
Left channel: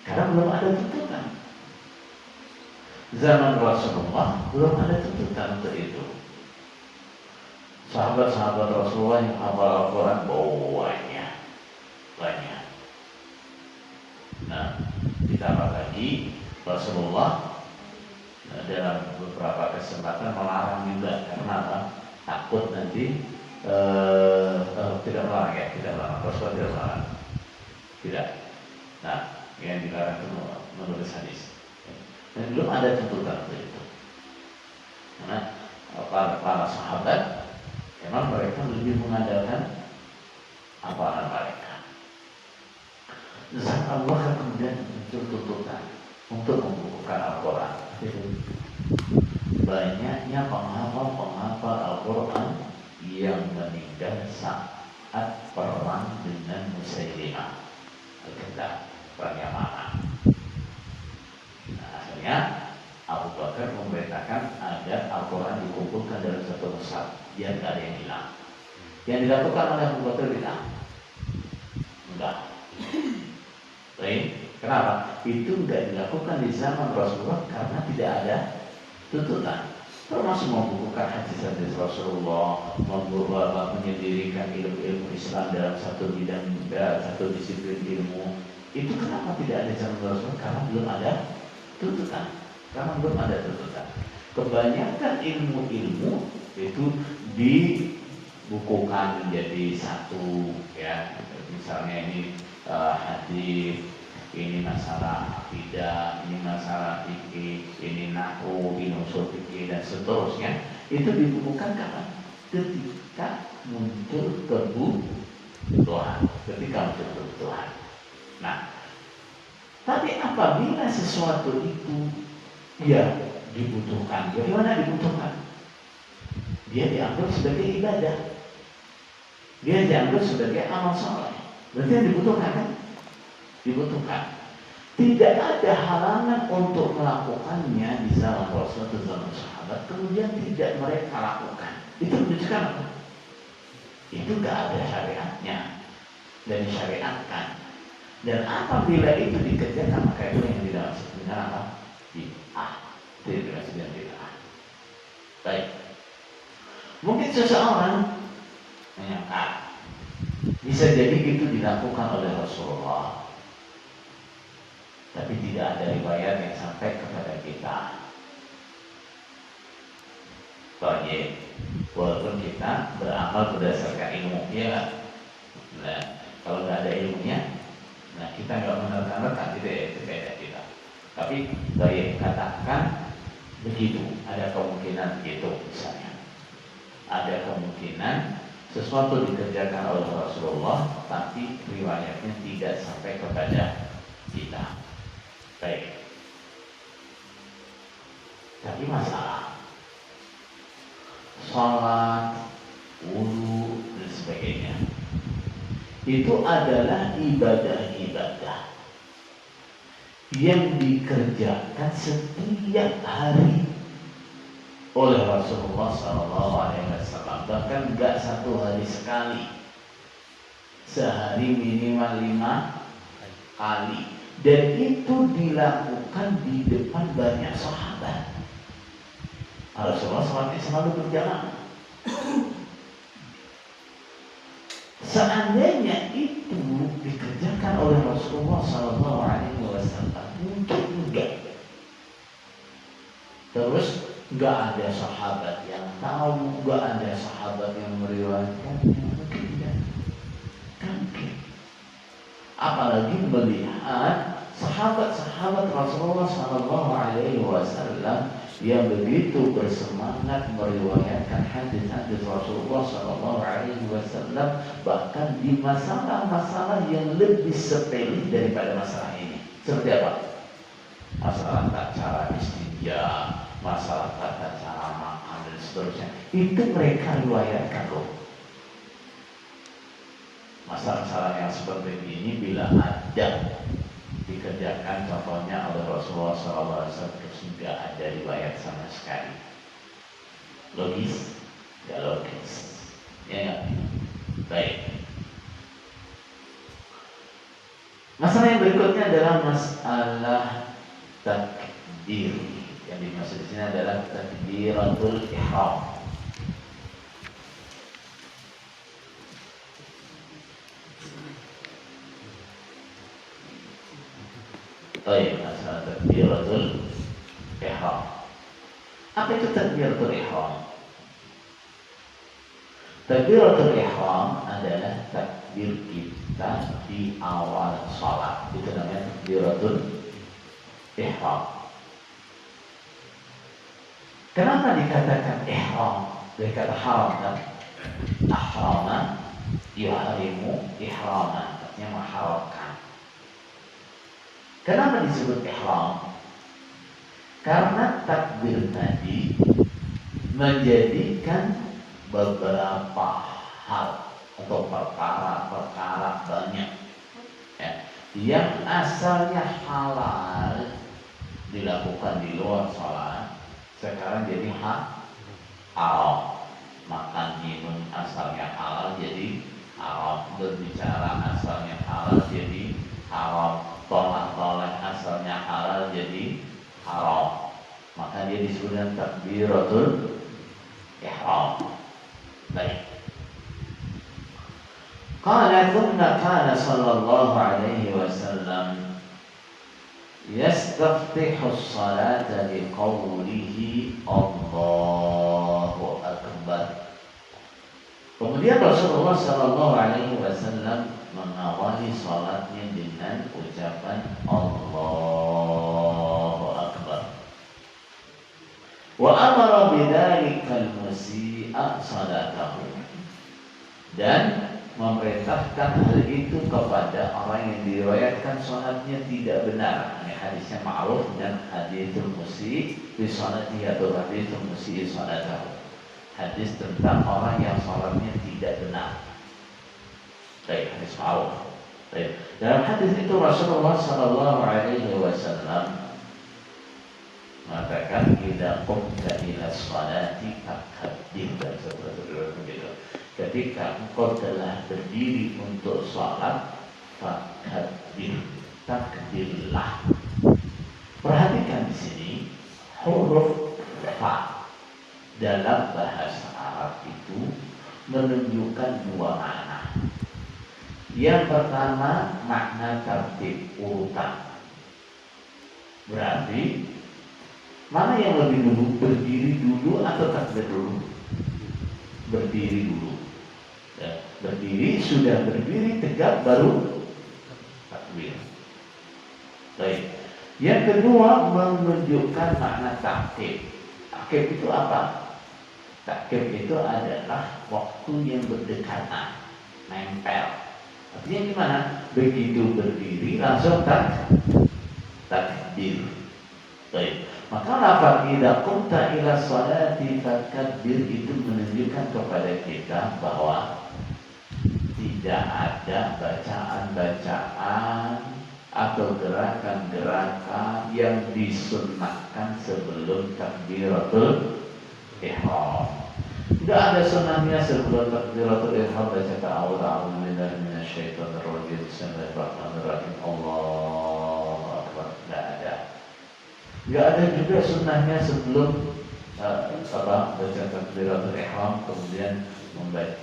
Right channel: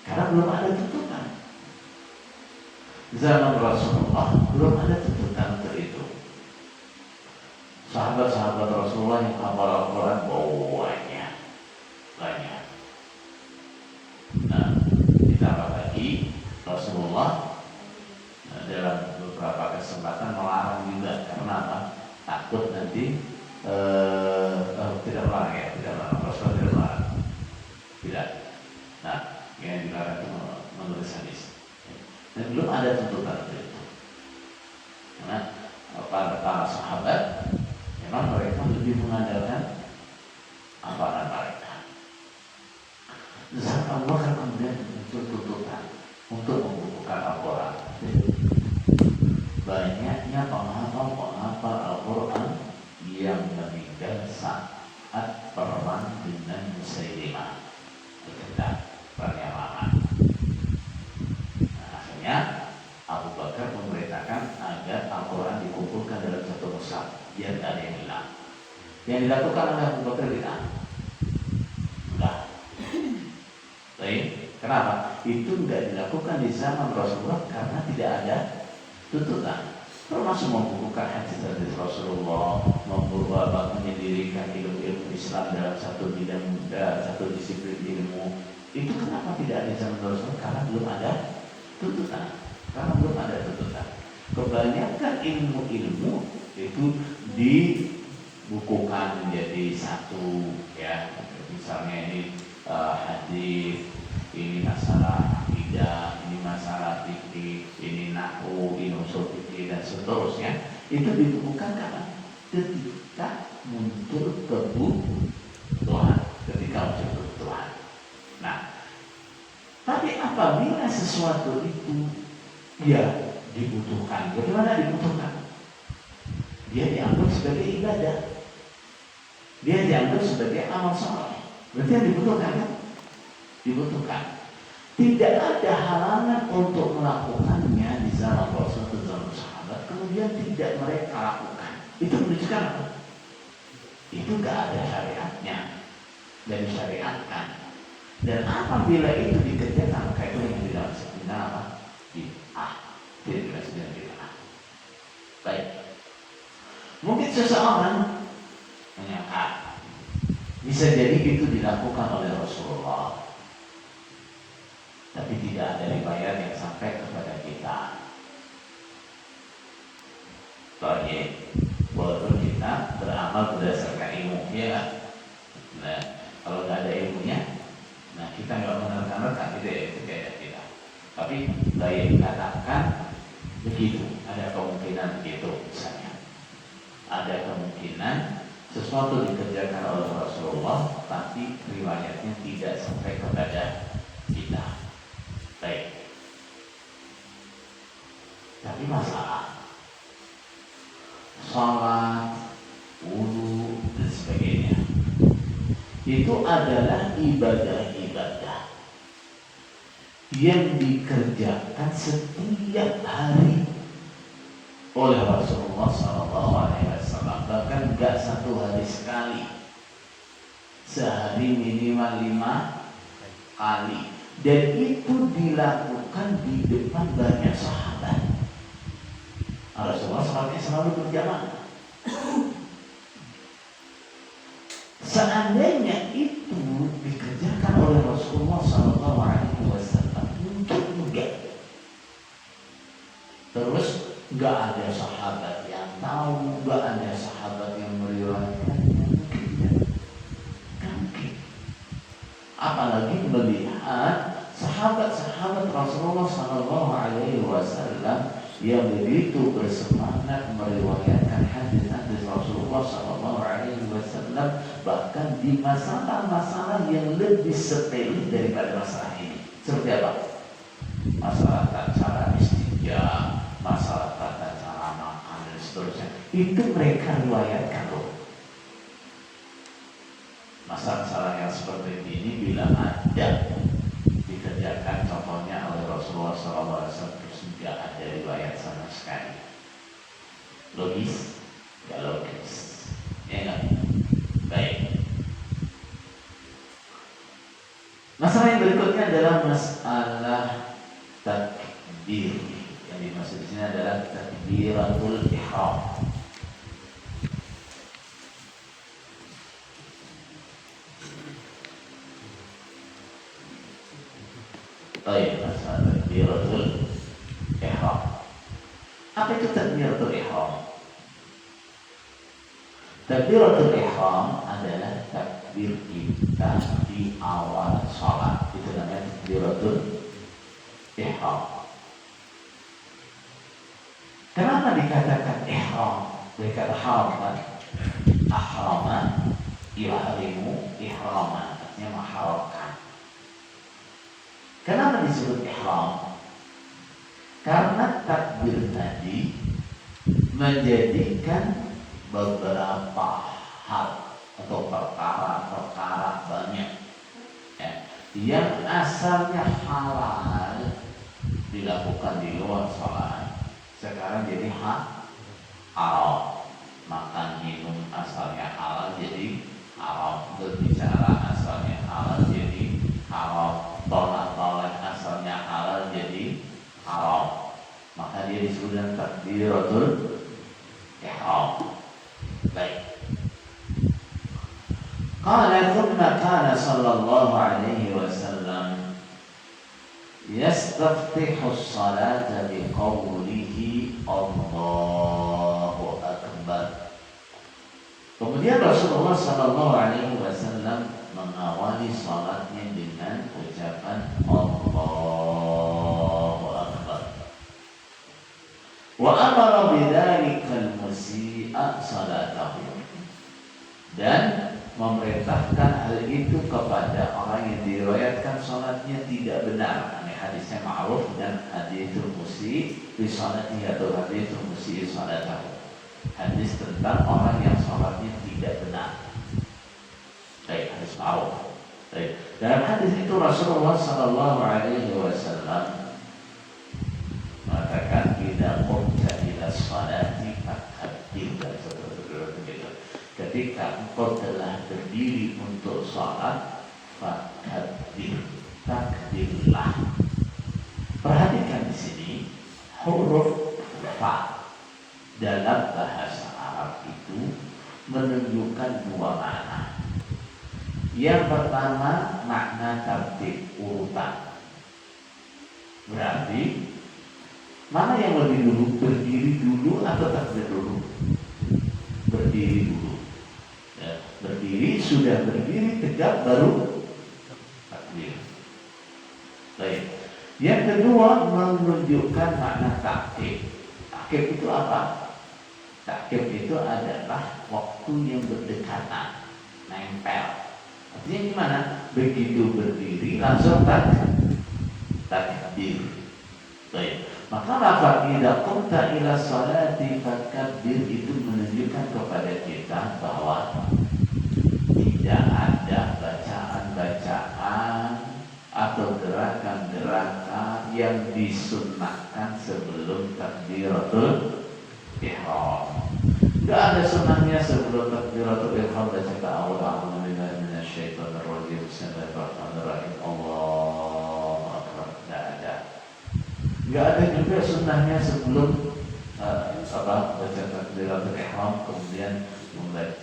Karena belum ada tuntutan. Zaman Rasulullah belum ada tuntutan untuk itu. Sahabat-sahabat Rasulullah yang hafal Al-Quran banyak. Nah, ditambah lagi Rasulullah dalam beberapa kesempatan melarang juga. Karena apa? Takut nanti tidak melarang. Rasulullah tidak melarang. Tidak. Nah, yang dilarang itu menulis hadis. Dan belum ada tuntutan untuk itu. Karena para sahabat memang mereka lebih mengandalkan amalan mereka. Saat Allah kemudian muncul tuntutan untuk membukukan Al-Quran. Banyaknya penghafal Al-Quran yang meninggal saat perang dengan Musailimah Al-Kadzdzab, perang Yamamah. Nah, akhirnya Abu Bakar memerintahkan agar Al-Quran dikumpulkan dalam satu mushaf biar tidak ada yang hilang. Yang dilakukan oleh Abu Bakar tidak? Enggak. Baik. Kenapa? Itu tidak dilakukan di zaman Rasulullah karena tidak ada tuntutan. Termasuk membukukan hadis-hadis Rasulullah, menyendirikan ilmu Islam dalam satu bidang, satu disiplin ilmu. Itu kenapa tidak ada di zaman Rasulullah? Karena belum ada tuntutan. Kebanyakan ilmu-ilmu itu dibukukan menjadi satu, ya. Misalnya ini hadis, ini masalah akidah, ini masalah fikih, ini nahwu, ini usul fikih dan seterusnya. Itu dibukukan kapan? Ketika muncul kebutuhan. Nah, tapi apabila sesuatu itu ya dibutuhkan, bagaimana dibutuhkan? Dia dianggap sebagai ibadah, dia dianggap sebagai amal saleh. Berarti yang dibutuhkan kan? Dibutuhkan. Tidak ada halangan untuk melakukannya di zaman Rasul atau zaman sahabat, kemudian tidak mereka lakukan. Itu menunjukkan apa? Itu gak ada syariatnya dan disyariatkan. Dan apabila itu dikerjakan, maka itu yang dimaksud dengan apa? Bid'ah. Itu yang dimaksud dengan bid'ah. Baik. Mungkin seseorang menyangka bisa jadi itu dilakukan oleh Rasulullah, tapi tidak ada riwayat yang sampai kepada kita. Baik, walaupun kita beramal berdasarkan ilmu, ya kan? Nah, kalau nggak ada ilmunya, nah kita nggak menerka-nerka, tidak. Tapi baik dikatakan begitu, ada kemungkinan begitu misalnya. Ada kemungkinan sesuatu dikerjakan oleh Rasulullah, tapi riwayatnya tidak sampai kepada kita. Baik. Tapi masalah sholat, wudu dan sebagainya itu adalah ibadah-ibadah yang dikerjakan setiap hari oleh Rasulullah SAW. Bahkan enggak satu hari sekali, sehari minimal 5 kali, dan itu dilakukan di depan banyak sahabat. Rasulullah SAW selalu berjamaah. Seandainya itu dikerjakan oleh Rasulullah SAW, mungkin enggak. Terus enggak ada sahabat yang tahu, enggak ada sahabat yang meriwayatkannya, mungkin tidak. Mungkin. Apalagi melihat sahabat-sahabat Rasulullah SAW yang begitu bersemangat meriwayatkan hadis-hadis Rasulullah SAW, bahkan di masalah-masalah yang lebih sepele daripada masalah ini. Seperti apa? Masalah cara istinja, masalah tata cara makan dan seterusnya. Itu mereka riwayatkan loh. Masalah-masalah yang seperti ini bila ada dikerjakan contohnya oleh Rasulullah SAW terus tidak ada riwayat sama sekali. Logis? Gak logis. Ya gak? Baik. Masalah yang berikutnya adalah masalah takbir. Yang dimaksud di sini adalah takbiratul ihram. Baik, masalah takbiratul ihram. Apa itu takbiratul ihram? Takbiratul ihram adalah takbir kita di awal salat. Itu namanya takbiratul ihram. Kenapa dikatakan ihram? Dikatakan haram. Ahrama yuhrimu ihraman, artinya mengharamkan. Kenapa disebut ihram? Karena takbir tadi menjadikan beberapa hal atau perkara-perkara banyak ya, yang asalnya halal dilakukan di luar sholat sekarang jadi haram. Makan minum asalnya halal jadi haram, berbicara asalnya halal jadi haram, tolak-tolak asalnya halal jadi haram. Maka dia disebut dengan takbiratul ihram. Baik. Qala thumma kana sallallahu alaihi wasallam yastaftihu as-salata biqawlihi Allahu akbar. Kemudian Rasulullah sallallahu alaihi wasallam mengawali salatnya dengan ucapan Allahu akbar. Wa amara bidzalika al-musii'a salatahu, dan memerintahkan hal itu kepada orang yang diriwayatkan salatnya tidak benar. Ini hadisnya ma'ruf dan haditsul musii' fi salatihi atau haditsul musii' salatahu. Hadis tentang orang yang salatnya tidak benar. Baik, hadis ma'ruf. Baik. Dalam hadis itu Rasulullah sallallahu alaihi wasallam mengatakan idza qumta ila sholati fakabbir. Ketika engkau telah berdiri untuk sholat, fakabbir, takbirlah. Perhatikan di sini huruf fa dalam bahasa Arab itu menunjukkan dua makna. Yang pertama makna tertib urutan. Berarti mana yang lebih dulu, berdiri dulu atau takbir dulu? Berdiri dulu. Ya, berdiri, sudah berdiri tegak baru takbir. Baik. Yang kedua menunjukkan makna takkib. Takkib itu apa? Takkib itu adalah waktu yang berdekatan, nempel. Artinya gimana? Begitu berdiri langsung takbir. Baik. Maka lafaz idza qumta ila sholati fakabbir itu menunjukkan kepada kita bahwa tidak ada bacaan-bacaan atau gerakan-gerakan yang disunnahkan sebelum takbiratul ihram. Tidak ada sunnahnya sebelum takbiratul ihram baca a'udzu billahi minasyaitonir rajim, bismillahirrahmanirrahim, Allahu akbar. Tidak ada. Tidak ada juga sunnahnya sebelum baca takbiratul ihram kemudian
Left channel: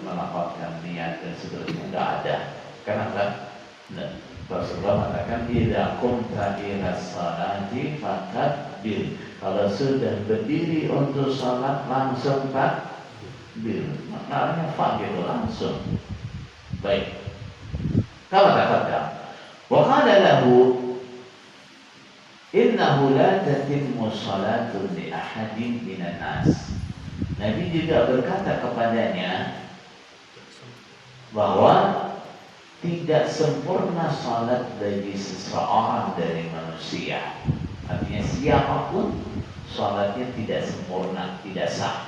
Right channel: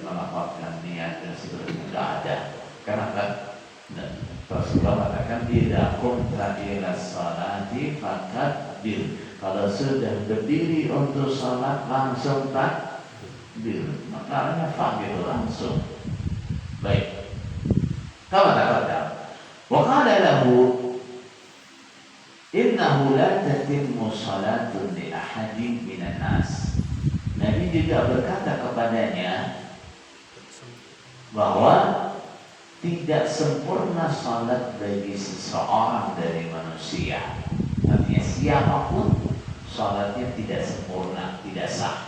melafalkan niat dan seterusnya. Tidak ada. Kenapa? Rasulullah mengatakan idza qumta ila sholati fakabbir. Kalau sudah berdiri untuk salat langsung takbir. Maknanya fa gitu langsung. Baik. Kama taqaddam. Wa qala lahu innahu la tatimmu salatun li ahadin minan nas. Nabi juga berkata kepadanya bahwa tidak sempurna salat bagi seseorang dari manusia. Artinya siapapun salatnya tidak sempurna, tidak sah.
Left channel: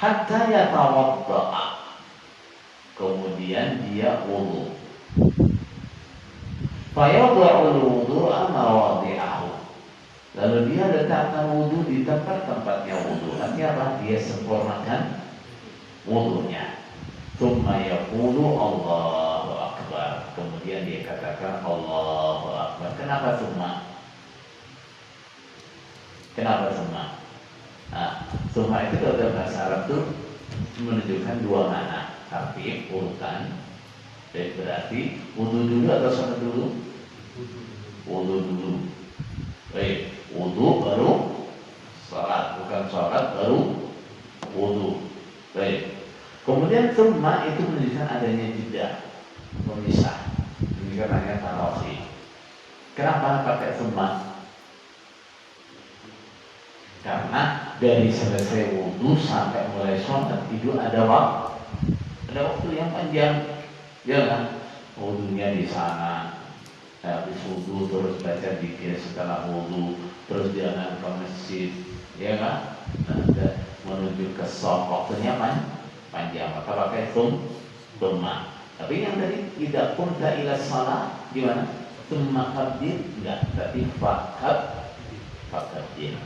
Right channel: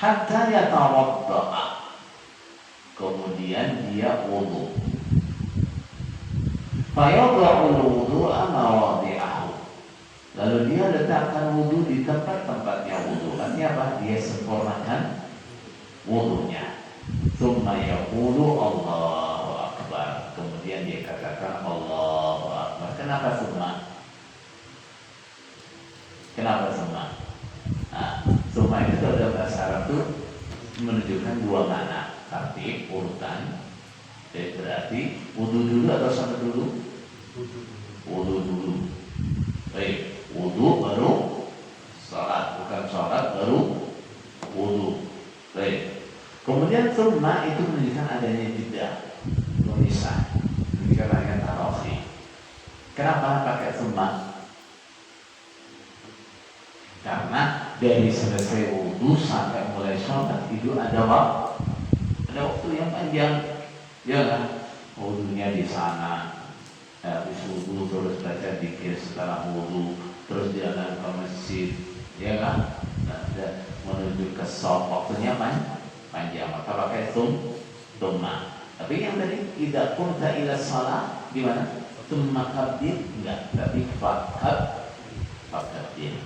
Hatta yatawadda'a, kemudian dia wudu. Fayadha'ul wudu'a mawadhi'ahu. Lalu dia letakkan wudu di tempat-tempatnya wudu. Artinya apa? Dia sempurnakan wudunya. Tsumma yaqulu Allahu Akbar. Kemudian dia katakan Allahu Akbar. Kenapa tsumma? Kenapa tsumma? Nah, tsumma itu dalam bahasa Arab itu menunjukkan dua makna, arti urutan. Jadi berarti wudu dulu atau sholat dulu? Wudu dulu. Baik, wudu baru sholat, bukan sholat baru wudu. Baik. Kemudian tsumma itu menunjukkan adanya jeda, memisah. Ini katanya tarafi. Kenapa pakai tsumma? Karena dari selesai wudu sampai mulai sholat itu ada waktu yang panjang. Ya kan, wudunya di sana, habis wudu terus baca zikir setelah wudu, terus jalan ke masjid, ya kan, dan menuju ke shop, waktunya panjang. Maka pakai tsumma. Tapi yang tadi tidak pun tak ila salat gimana? Tsumma kabir enggak, tapi fakabir.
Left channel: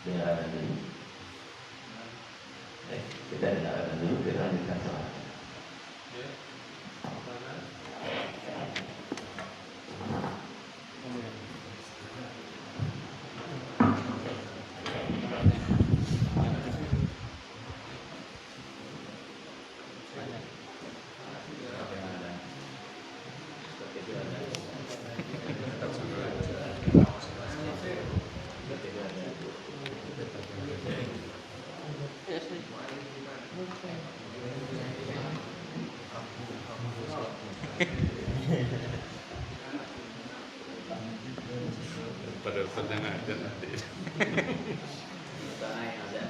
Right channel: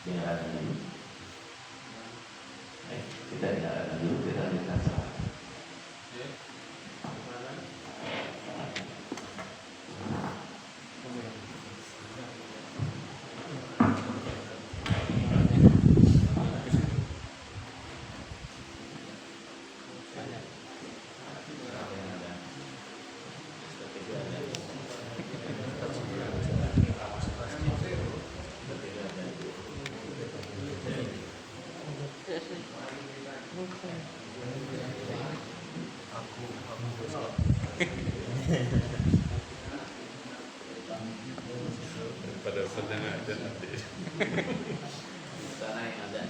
Dengarkan dulu. Baik, kita dengarkan dulu, kita lanjutkan salat. Pada sedang ada nanti. Tanah yang ada.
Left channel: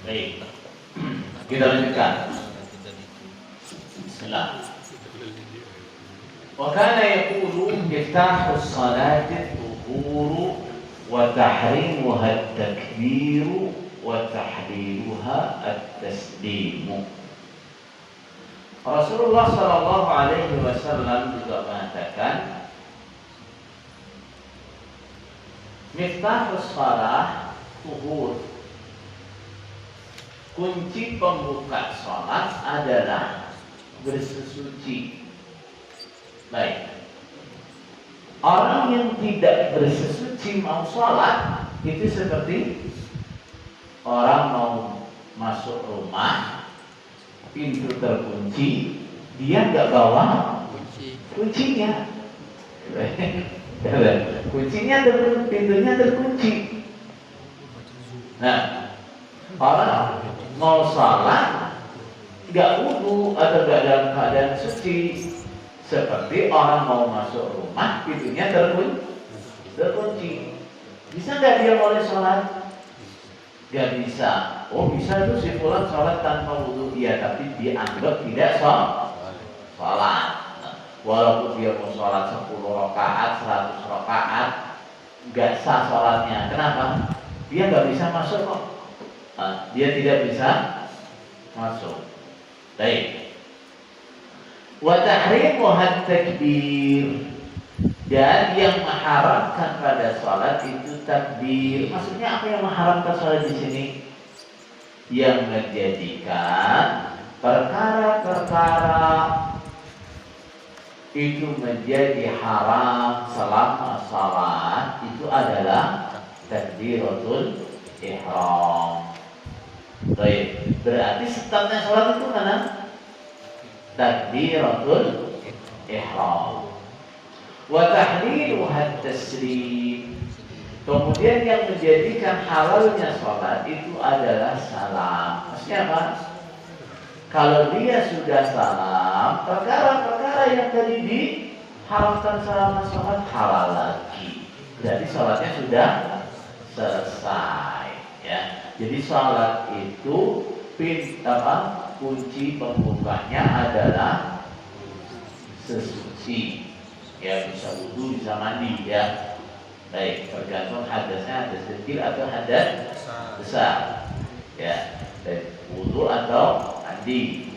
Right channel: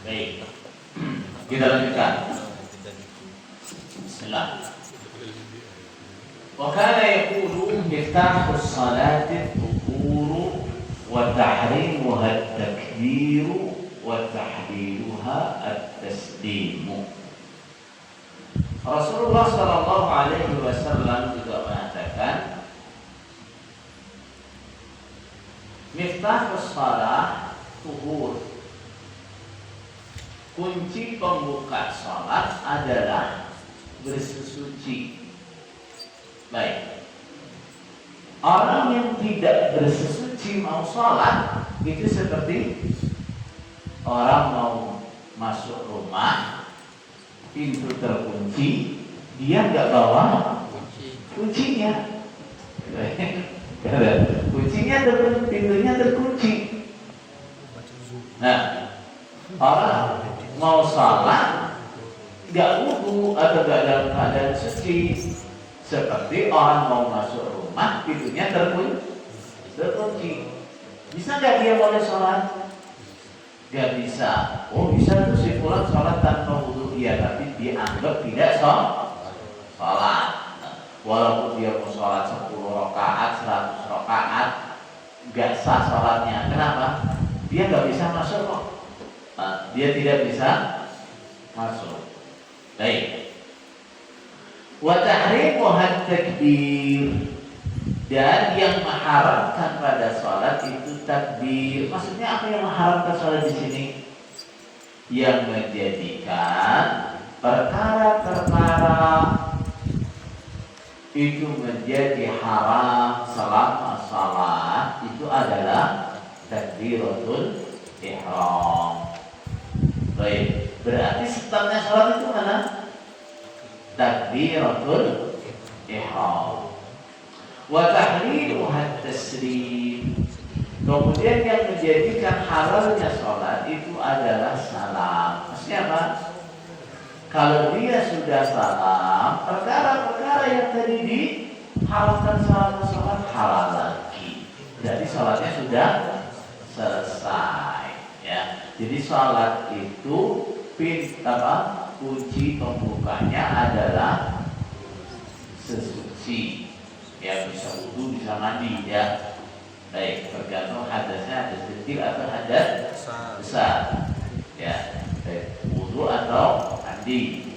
Baik, kita lanjutkan. Bismillah. Wa kana yaqulu miftahu as-salati al-dhuhur wa tahrimuha at-takbir wa tahliluha at-taslimu. Rasulullah sallallahu alaihi wasallam juga mengatakan, miftahus shalah tuhur. Kunci pembuka salat adalah bersesuci. Baik. Orang yang tidak bersesuci mau salat itu seperti orang mau masuk rumah, pintu terkunci, dia nggak bawa kuncinya. Kuncinya pintunya terkunci. Nah, orang mau salat nggak wudu atau nggak dalam keadaan suci, seperti orang mau masuk rumah, pintunya terkunci. Bisa nggak dia boleh sholat? Nggak bisa. Oh bisa tuh si fulan sholat tanpa wudu. Iya, tapi dia anggap tidak sholat. Walaupun dia mau sholat 10 rakaat, 100 rakaat, nggak sah sholatnya. Kenapa? Dia nggak bisa masuk kok. Dia tidak bisa masuk. Baik. Wa tahrimuhat takbir. Dan yang mengharamkan pada sholat itu takbir. Maksudnya apa yang mengharamkan sholat di sini? Yang menjadikan perkara-perkara itu menjadi haram selama sholat itu adalah takbiratul ihram. Baik, berarti startnya sholat itu mana? Takbiratul ihram. Wa tahliluha taslim. Kemudian yang menjadikan halalnya sholat itu adalah salam. Maksudnya apa? Kalau dia sudah salam, perkara-perkara yang tadi diharamkan selama sholat halal lagi. Berarti sholatnya sudah selesai. Ya. Jadi sholat itu kunci pembukanya adalah sesuci. Ya, bisa wudu, bisa mandi, ya. Baik, tergantung hadasnya, hadas kecil atau hadas besar. Ya, baik, wudu atau mandi.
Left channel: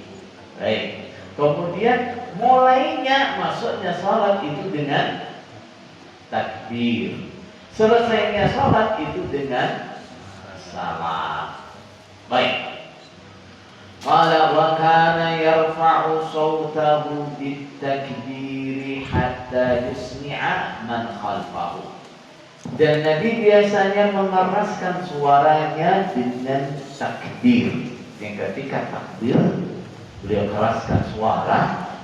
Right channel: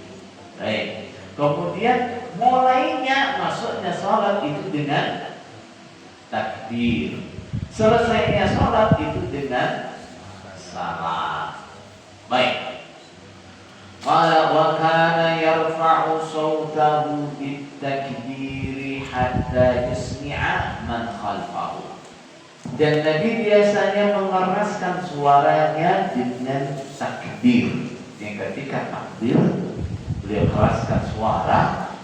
Baik. Kemudian mulainya masuknya sholat itu dengan takbir. Selesainya sholat itu dengan salam. Baik. Qala wa kana yarfa'u sawtahu bit-takbir hatta yusmi'a man khalfahu. Dan Nabi biasanya mengeraskan suaranya dengan takbir. Yang ketika takbir beliau keraskan suara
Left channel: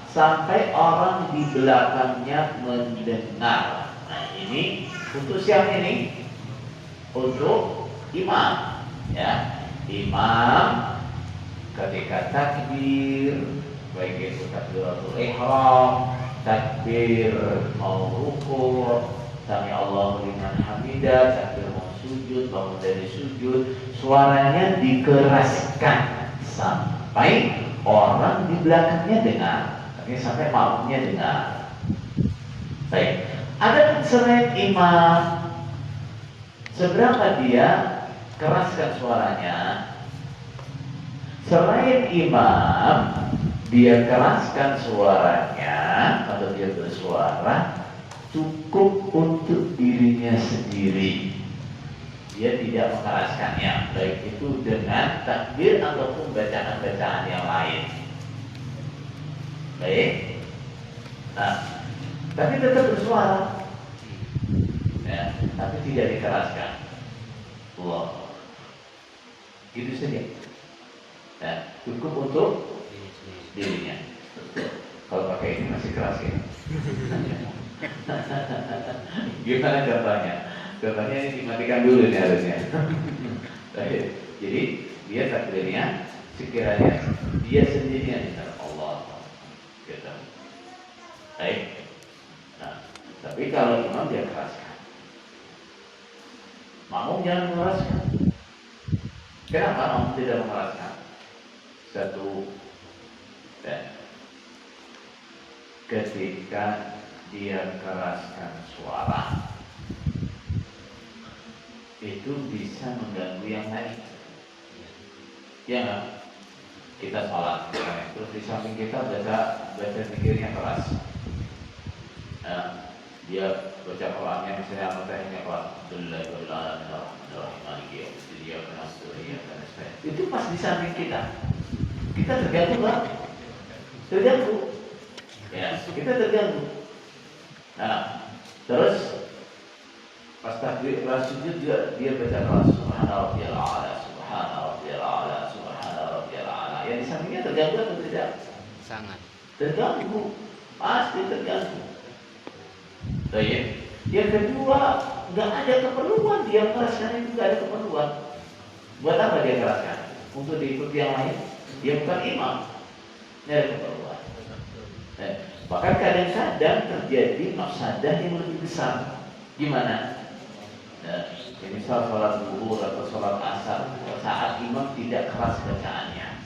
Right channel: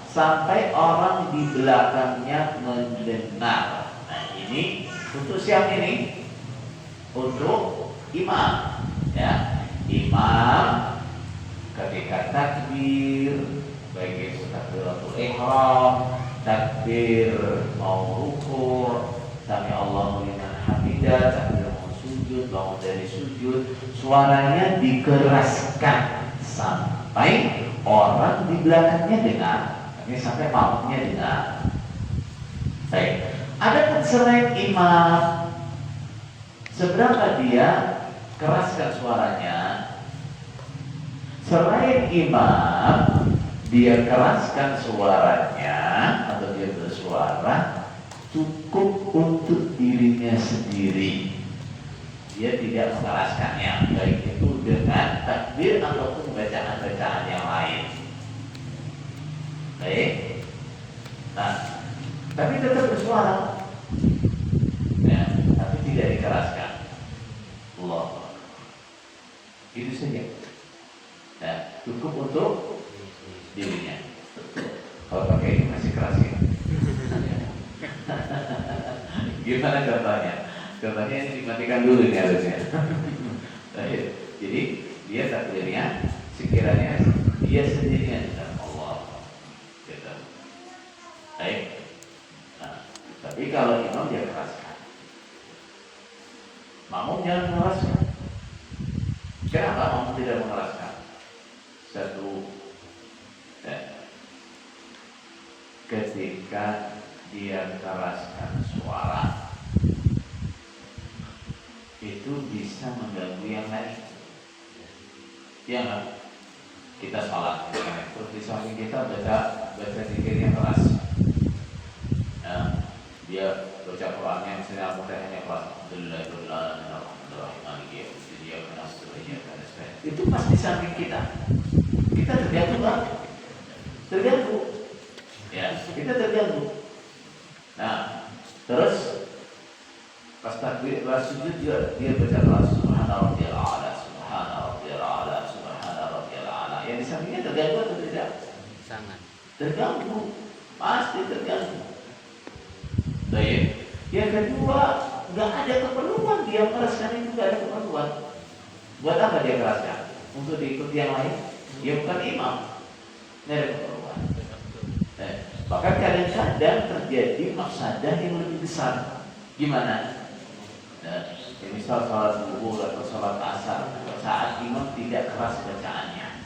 sampai orang di belakangnya mendengar. Nah, ini untuk siapa ini? Untuk imam, ya. Imam ketika takbir, baik itu takbiratul ihram, takbir mau ruku', sami Allahu liman hamidah, takbir mau sujud, bangun dari sujud, suaranya dikeraskan sampai orang di belakangnya dengar, sampai makmumnya dengar. Baik, ada selain imam, seberapa dia keraskan suaranya? Selain imam, dia keraskan suaranya atau dia bersuara cukup untuk dirinya sendiri. Dia tidak mengeraskannya, baik itu dengan takbir ataupun bacaan-bacaan yang lain. Baik. Nah, tapi tetap bersuara, ya, tapi tidak dikeraskan. Allah, itu saja. Ya, cukup untuk dirinya. Kalau pakai ini masih keras ya. Gimana contohnya? Contohnya ini dimatikan dulu nih harusnya. Jadi dia takbirnya sekiranya dia sendirinya di dalam Allah. Gitu. Baik. Nah, tapi kalau imam dia keraskan. Makmum jangan mengeraskan. Kenapa makmum tidak mengeraskan? Satu, ketika dia keraskan suara itu bisa mengganggu yang lain. Ya nggak? Kita sholat, terus di samping kita baca zikirnya keras. Dia baca Qurannya misalnya Al-Fatihahnya keras. Itu pas di samping kita. Kita terganggu nggak? Terganggu. Ya, kita terganggu. Nah, terus pas takbir, pas sujud dia baca keras. Subhana rabbiyal a'la, subhana rabbiyal a'la, subhana rabbiyal a'la. Yang di sampingnya terganggu atau tidak? Sangat. Terganggu, pasti terganggu. Baik. Yang kedua, nggak ada keperluan dia meraskan itu, nggak ada keperluan. Buat apa dia keraskan? Untuk diikuti yang lain? Dia bukan imam. Nggak ada keperluan. Bahkan kadang-kadang terjadi mafsadah yang lebih besar. Gimana? Misal sholat zuhur atau sholat asar, saat imam tidak keras bacaannya.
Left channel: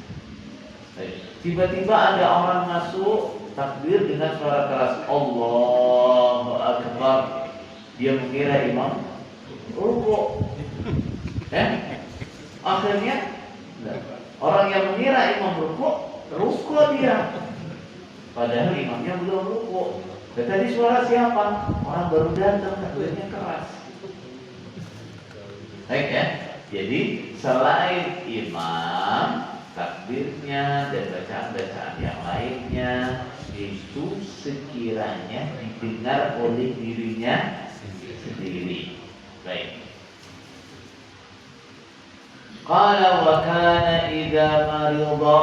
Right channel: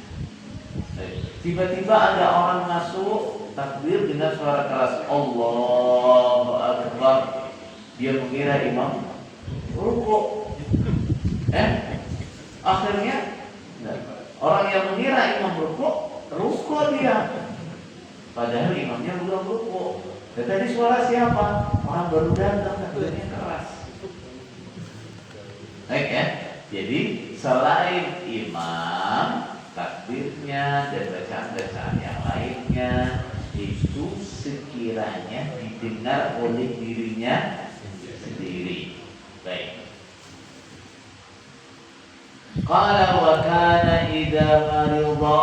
Tiba-tiba ada orang masuk takbir dengan suara keras, Allahu Akbar. Dia mengira imam rukuk. Akhirnya orang yang mengira imam rukuk dia. Padahal imamnya belum rukuk. Dan tadi suara siapa? Orang baru datang, takbirnya keras. Baik ya. Jadi selain imam, takbirnya dan bacaan-bacaan yang lainnya itu sekiranya didengar oleh dirinya sendiri. Baik. Qala wa kana idza marida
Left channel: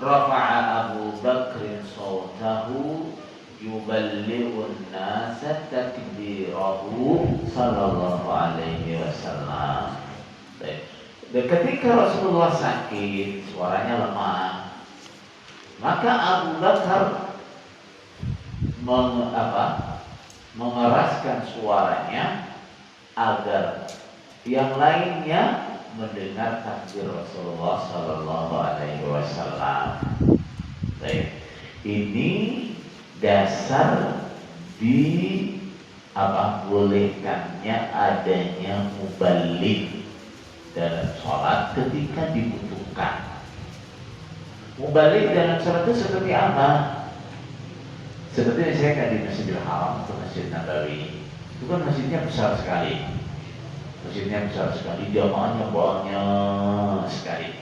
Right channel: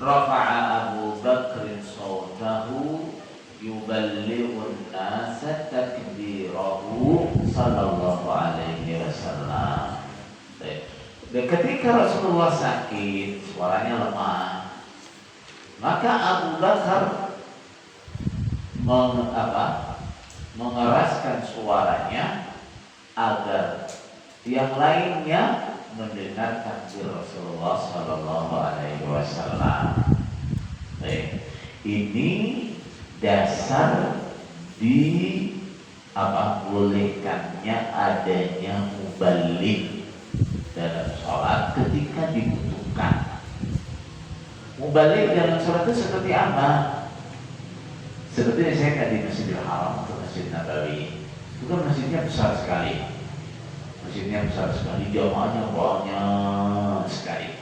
rafa'a Abu Bakr sawtahu yuballighu an-nasa takbirahu sallallahu alaihi wasallam. Dan ketika Rasulullah sakit, suaranya lemah, maka Abu Bakar mengeraskan suaranya agar yang lainnya mendengar takbir Rasulullah Sallallahu Alaihi Wasallam. Baik, ini dasar bolehkannya adanya muballigh dalam sholat ketika dibutuhkan. Muballigh dalam sholat itu seperti apa? Seperti saya di Masjidil Haram atau Masjid Nabawi. Itu kan masjidnya besar sekali. Masjidnya besar sekali, jamaahnya banyak sekali.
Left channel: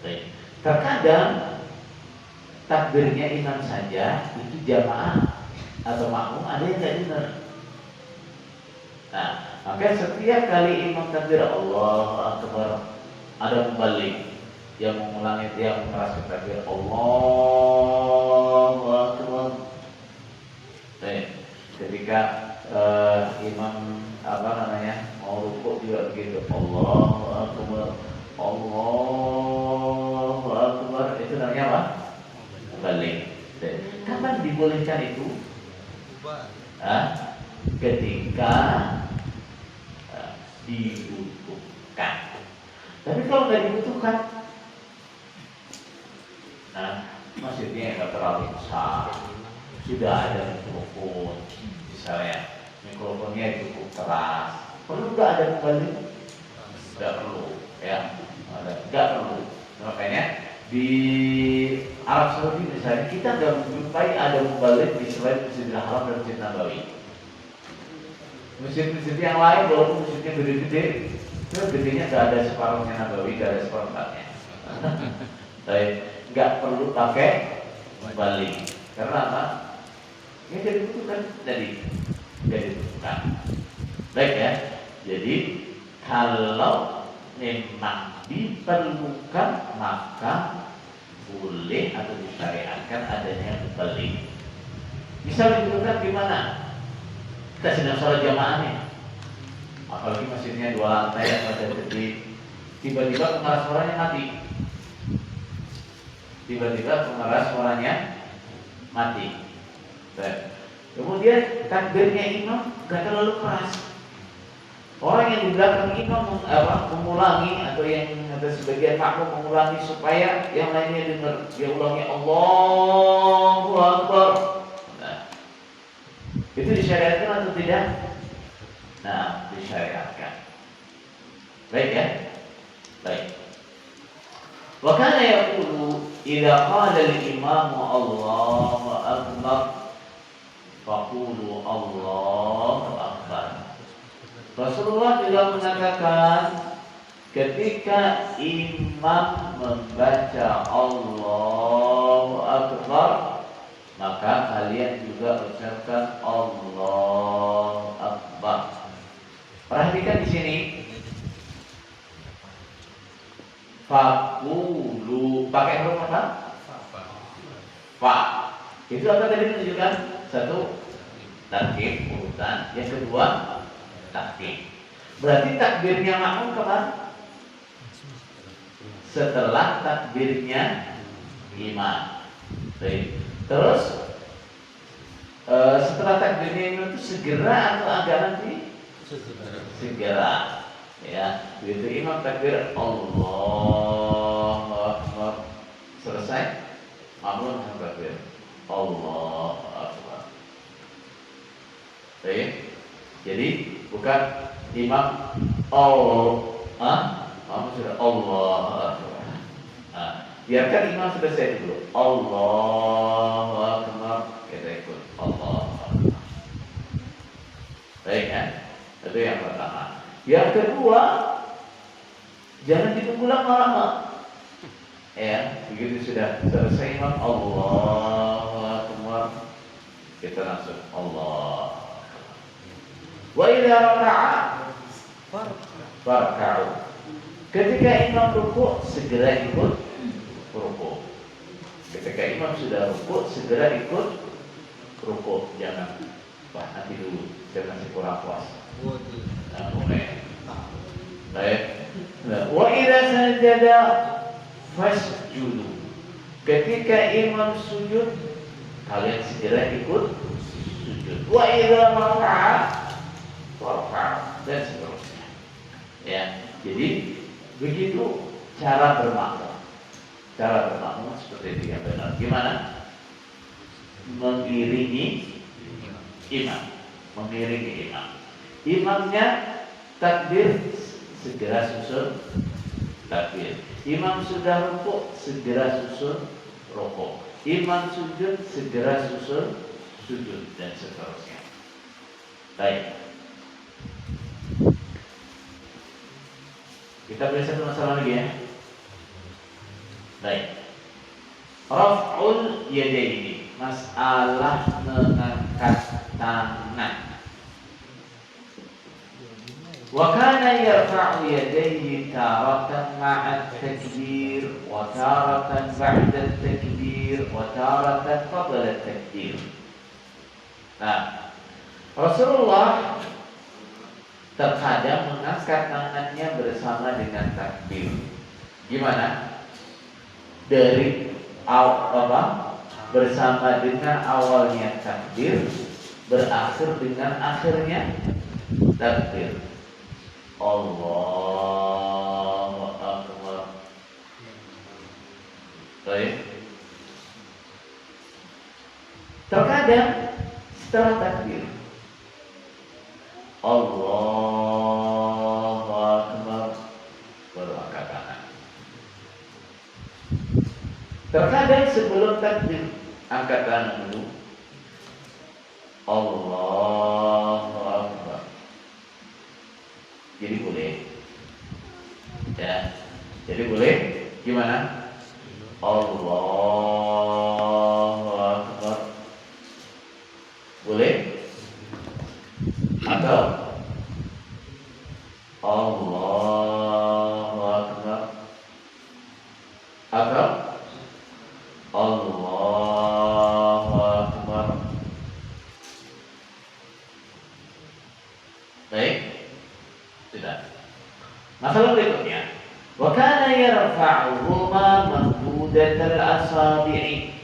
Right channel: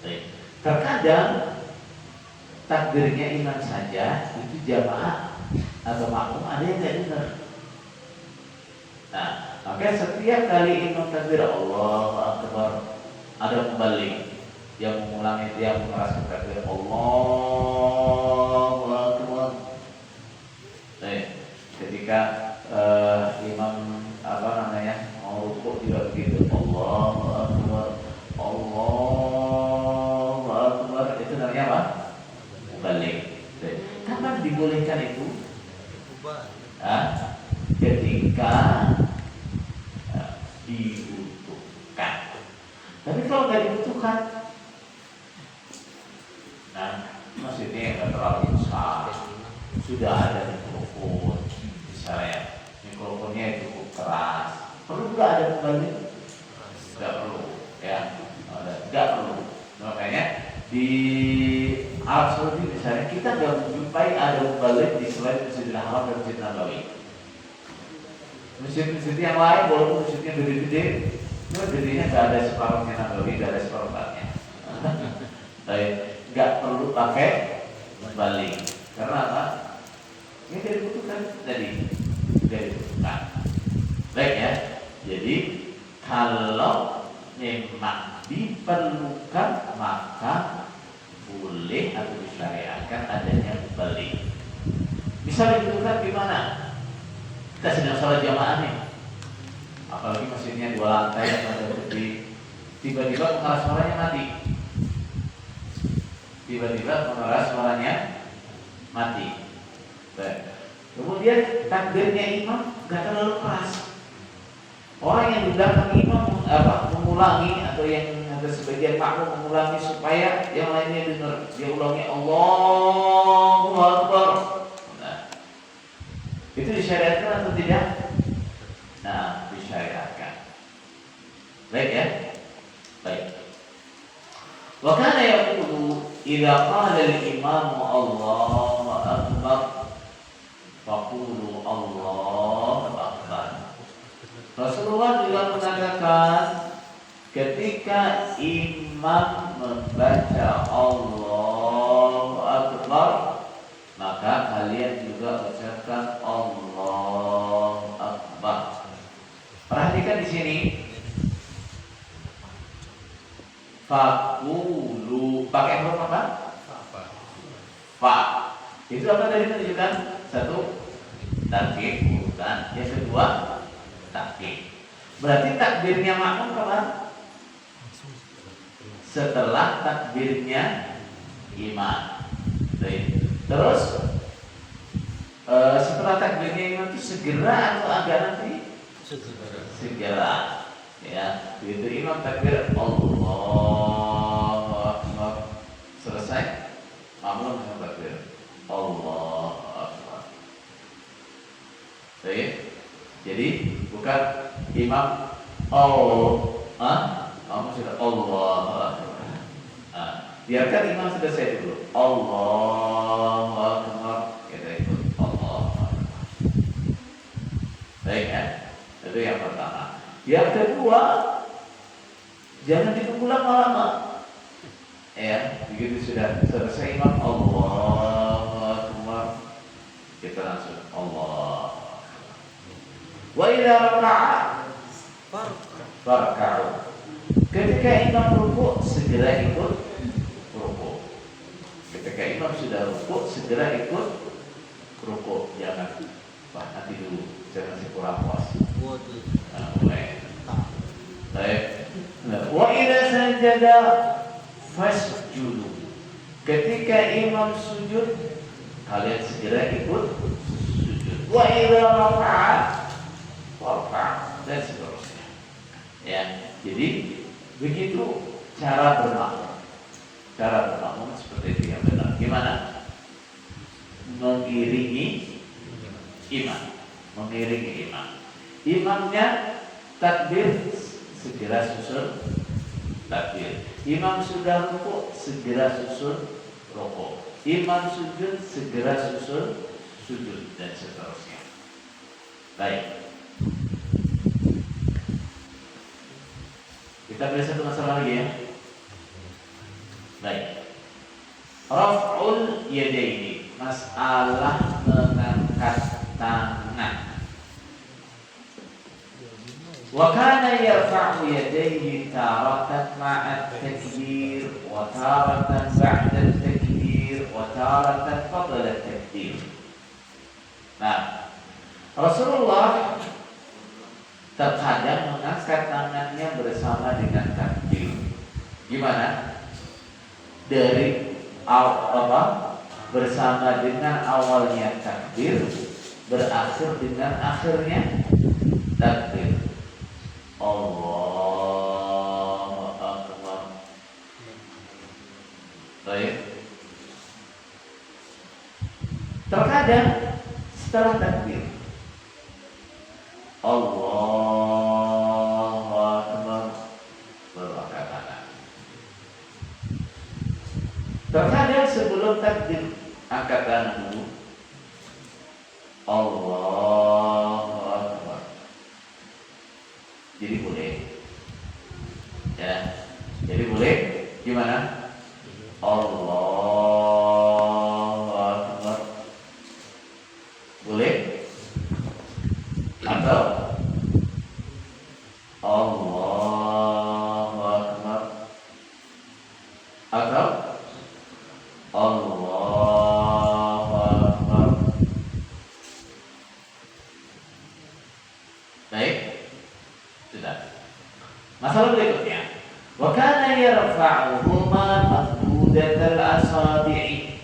Baik. Terkadang takbirnya imam saja itu jamaah atau makmum ada yang tidak dengar. Nah, maka setiap kali imam takbir Allahu Akbar, ada muballigh yang mengulangi, yang mengeraskan takbir Allahu Akbar. Baik. Ketika imam mau rukuk juga begitu, Allahu Akbar, Allahu Akbar. Itu namanya apa? Muballigh. Kapan dibolehkan itu? Ketika dibutuhkan. Tapi kalau nggak dibutuhkan, masjidnya nggak terlalu besar, sudah ada mikrofon, misalnya mikrofonnya cukup keras, perlu nggak ada muballigh? Nggak perlu, ya, nggak perlu. Makanya di Arab Saudi misalnya kita nggak menjumpai ada muballigh di selain Masjidil Haram dan Masjid Nabawi. Masjid-masjid yang lain walaupun masjidnya gede-gede, itu gedenya nggak ada separuhnya Nabawi, nggak ada seperempatnya. Tapi nggak perlu pakai muballigh. Karena apa? Ini dibutuhkan dari dibutuhkan. Baik ya. Jadi kalau memang diperlukan maka boleh atau disyariatkan adanya muballigh. Misal dibutuhkan gimana? Kita sedang sholat jamaah nih, apalagi masjidnya 2 lantai yang ada gede, tiba-tiba pengeras suaranya mati. Baik. Kemudian takbirnya imam gak terlalu keras. Orang yang di belakang imam mengulangi atau sebagian makmum mengulangi supaya yang lainnya dengar. Dia ulangi Allahu Akbar. Itu disyariatkan atau tidak? Nah, disyariatkan. Baik ya? Baik. idza qala al-imam Allahu akbar faqulu Allahu akbar. Rasulullah juga mengatakan ketika imam membaca Allahu akbar, maka kalian juga ucapkan Allahu akbar. Perhatikan di sini. Fakulu pakai huruf apa? Fa. Itu apa tadi menunjukkan? Satu, takbir urutan. Yang kedua, takbir. Berarti takbirnya makmum kapan? Setelah takbirnya imam. Baik. Terus setelah takbirnya imam itu segera atau agak nanti? Segera. Ya, begitu imam takbir Allahu akbar selesai, makmum takbir Allahu akbar. Baik. Jadi bukan imam makmum sudah Allahu akbar. Biarkan imam selesai dulu. Allahu akbar, kita ikut Allahu akbar. Baik ya. Itu yang pertama. Yang kedua, jangan ditunggu lama-lama. Ya, begitu sudah selesai imam Allahu akbar, kita langsung Allah. Wa idza raka'a farka'u. Ketika imam rukuk, segera ikut rukuk. Ketika imam sudah rukuk, segera ikut rukuk. Jangan nanti dulu, saya masih kurang puas. Mulai. Baik. Wa idza sajada fasjudu. Ketika imam sujud, kalian segera ikut sujud. Wa idza raka'a farka'u, dan seterusnya. Ya, jadi begitu cara bermakmum. Cara bermakmum seperti itu yang benar. Gimana? Mengiringi imam. Mengiringi imam. Imamnya takbir, segera susun takbir. Imam sudah rukuk, segera susun rukuk. Imam sujud, segera susun sujud, dan seterusnya. Baik. Kita beri satu masalah lagi ya. Baik. Raf'ul yadaini, masalah mengangkat tangan. Wa kana yarfa'u yadayhi taratan ma'a at-takbir wa taratan ba'da at-takbir wa taratan qabla at-takbir. Nah, Rasulullah terkadang mengangkat tangannya bersama dengan takbir. Gimana? Dari bersama dengan awalnya takbir, berakhir dengan akhirnya takbir. Allahu akbar. Baik. Terkadang setelah takbir Allahu akbar baru angkat tangan. Terkadang sebelum takbir angkat tangan dulu Allahu akbar. Jadi boleh. Ya. Jadi boleh gimana? Allahu akbar. Boleh? Atau Allahu akbar. Atau Allahu akbar. Baik. Sudah. Masalah berikutnya, wa kana yarfa'uhuma mamdudatal asabi'i.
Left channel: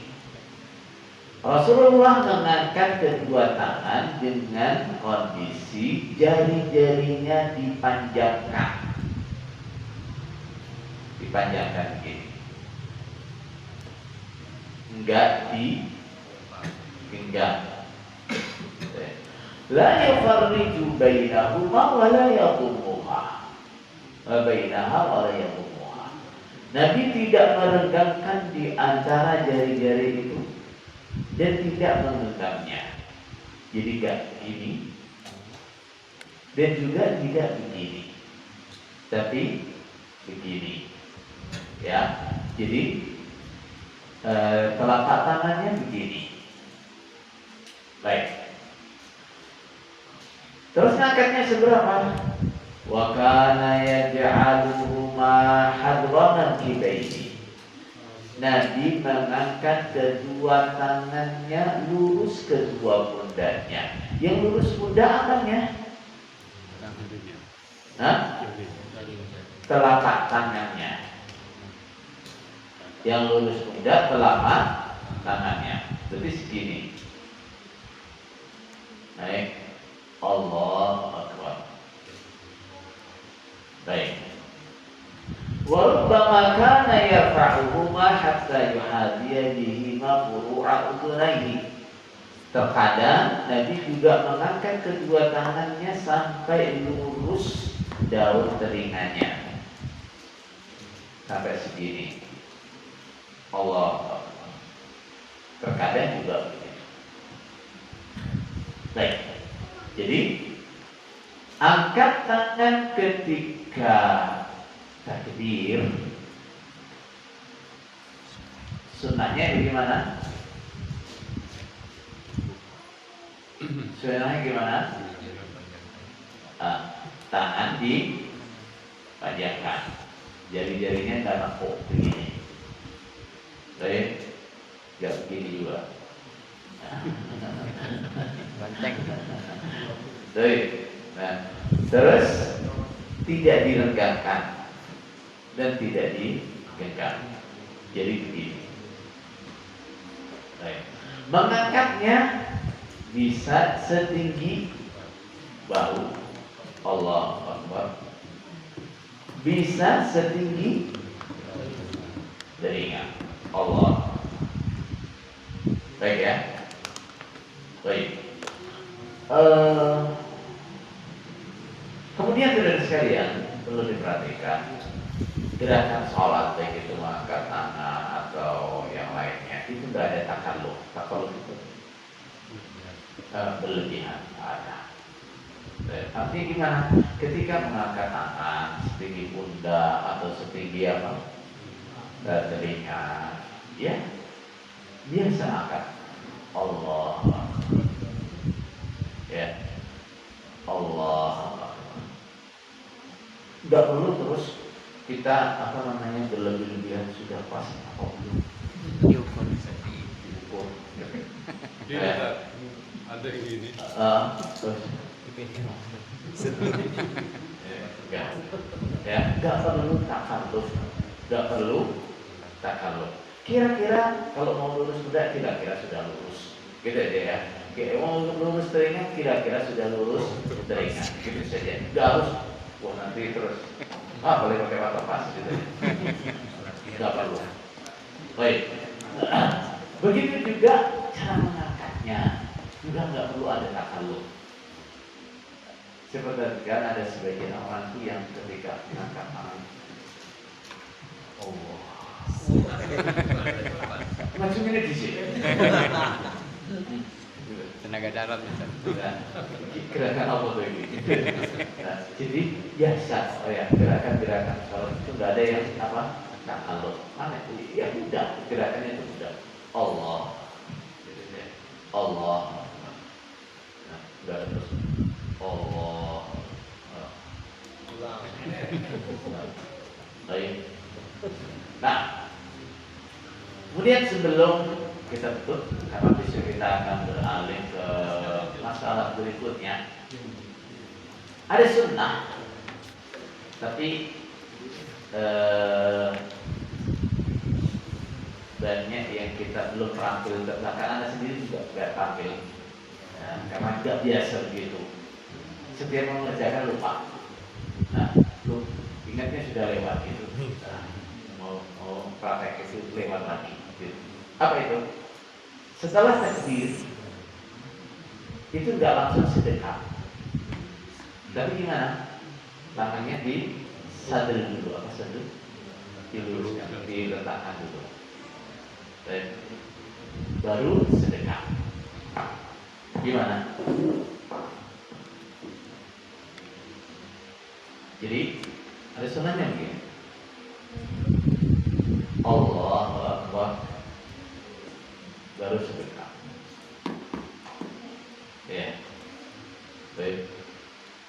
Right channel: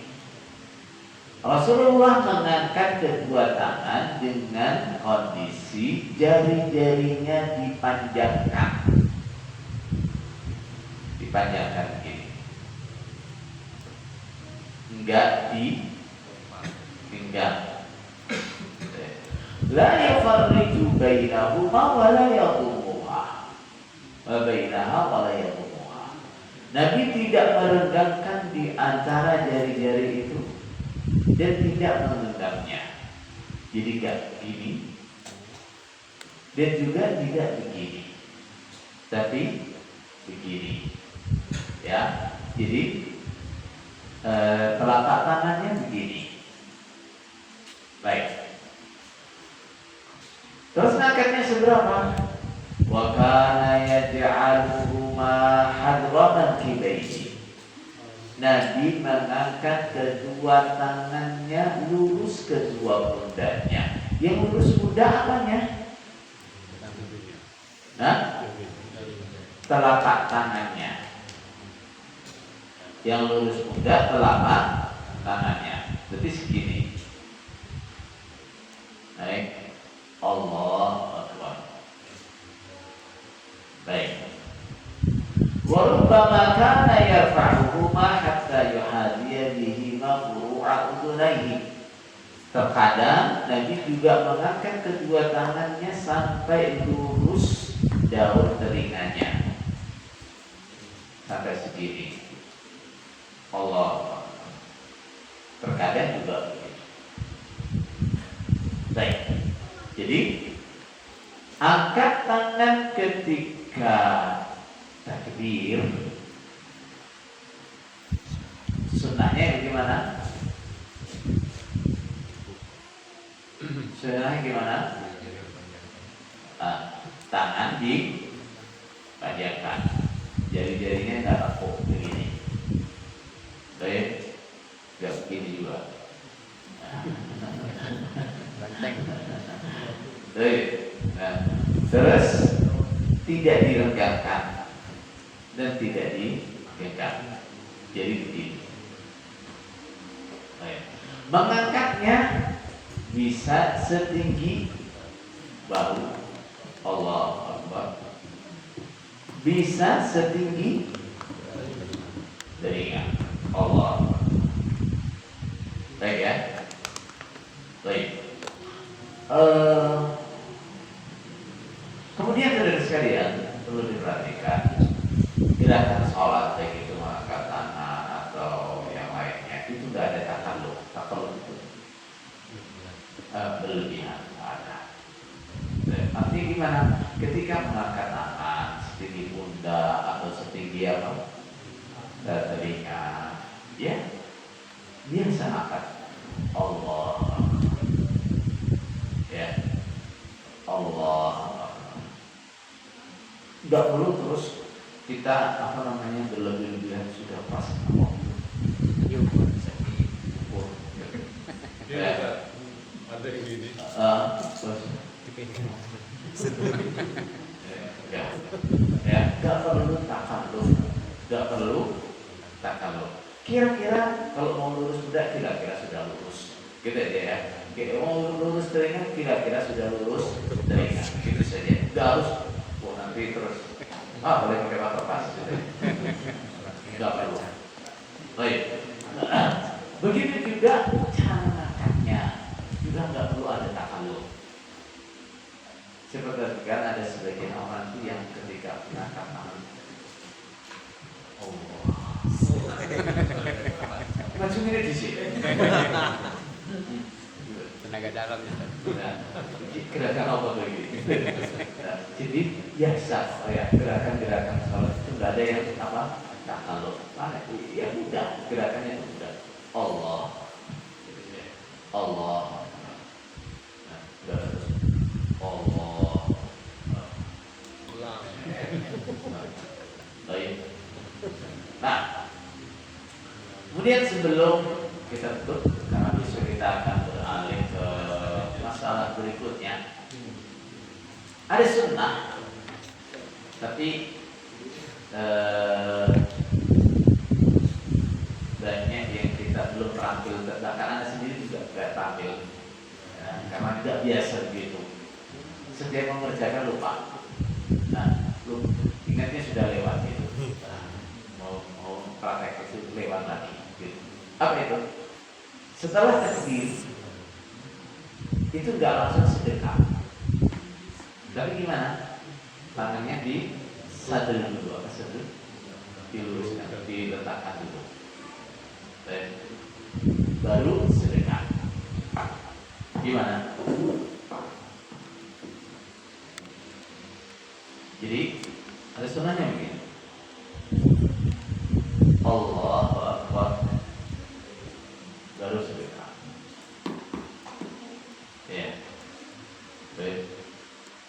Rasulullah mengangkat kedua tangan dengan kondisi jari-jarinya dipanjangkan. Dipanjangkan begini. Enggak dipinggang. La yufarriju bainahuma wa la yadhummuha. Wa bainaha wa la yadhummuha. Nabi tidak merenggangkan di antara jari-jari itu dan tidak menggenggamnya. Jadi tidak begini dan juga tidak begini, tapi begini. Ya, jadi telapak tangannya begini. Baik. Terus ngangkatnya seberapa? Wa kana yaj'aluhuma hadwa mankibaihi. Nabi mengangkat kedua tangannya lurus kedua pundaknya. Yang lurus pundak apanya? Telapak tangannya. Yang lurus pundak telapak tangannya. Berarti segini. Baik. Allahu Akbar. Baik. Wa rubbama kana yarfa'uhuma hatta yuhadiya bihima furu'a udunaihi. Terkadang Nabi juga mengangkat kedua tangannya sampai lurus daun telinganya. Sampai segini. Allah. Terkadang juga begitu. Baik. Jadi angkat tangan ketika takbir. Sunnahnya bagaimana? Sunnahnya gimana? Tangan dipanjangkan, jari-jarinya nggak nekuk begini. Baik, nggak begini juga. Baik. Nah, terus tidak diregangkan dan tidak digenggam. Jadi begini. Baik. Mengangkatnya bisa setinggi bahu. Allahu Akbar. Bisa setinggi telinga. Allah. Baik ya. Baik. Kemudian saudara sekalian perlu diperhatikan gerakan sholat baik itu mengangkat tangan atau yang lainnya itu tidak ada takalluf. Takalluf itu berlebihan ada. Artinya gimana? Ketika mengangkat tangan setinggi pundak atau setinggi apa telinga, ya biasa angkat. Allah, ya Allah. Tidak perlu terus kita berlebih-lebihan sudah pas apa belum? Ada yang gini. Terus nggak perlu takalluf, nggak perlu takalluf. Kira-kira kalau mau lurus pundak kira-kira sudah lurus, gitu aja ya. Mau lurus telinga kira-kira sudah lurus telinga, gitu saja. Nggak harus, wah nanti terus boleh pakai mata pas gitu ya. Nggak perlu. Baik. Begitu juga cara mengangkatnya juga nggak perlu ada takalluf. Seperti kan ada sebagian orang itu yang ketika mengangkat tangan, Allah, macam ini di sini. Tenaga dalam itu. Gerakan apa tuh ini? Nah, jadi biasa, ya gerakan-gerakan sholat itu nggak ada yang apa takalluf. Mana? Ya mudah, gerakannya itu mudah. Allah, Allah, nah, nggak terus Allah. Baik. Nah, kemudian sebelum kita tutup, karena besok kita akan beralih ke masalah berikutnya. Ada sunnah, tapi banyak yang kita belum terampil, bahkan Anda sendiri juga tidak terampil, karena tidak biasa begitu. Setiap mengerjakan lupa. Nah, ingatnya sudah lewat itu. Mau praktek itu lewat lagi. Gitu. Apa itu? Setelah takbir itu nggak langsung sedekap, tapi gimana? Tangannya di sadel dulu. Apa sadel? diluruskan, diletakkan dulu. Baik. Baru sedekah. Gimana? Jadi ada sunahnya begini. Allahu Akbar, baru sedekah. Ya. Baik.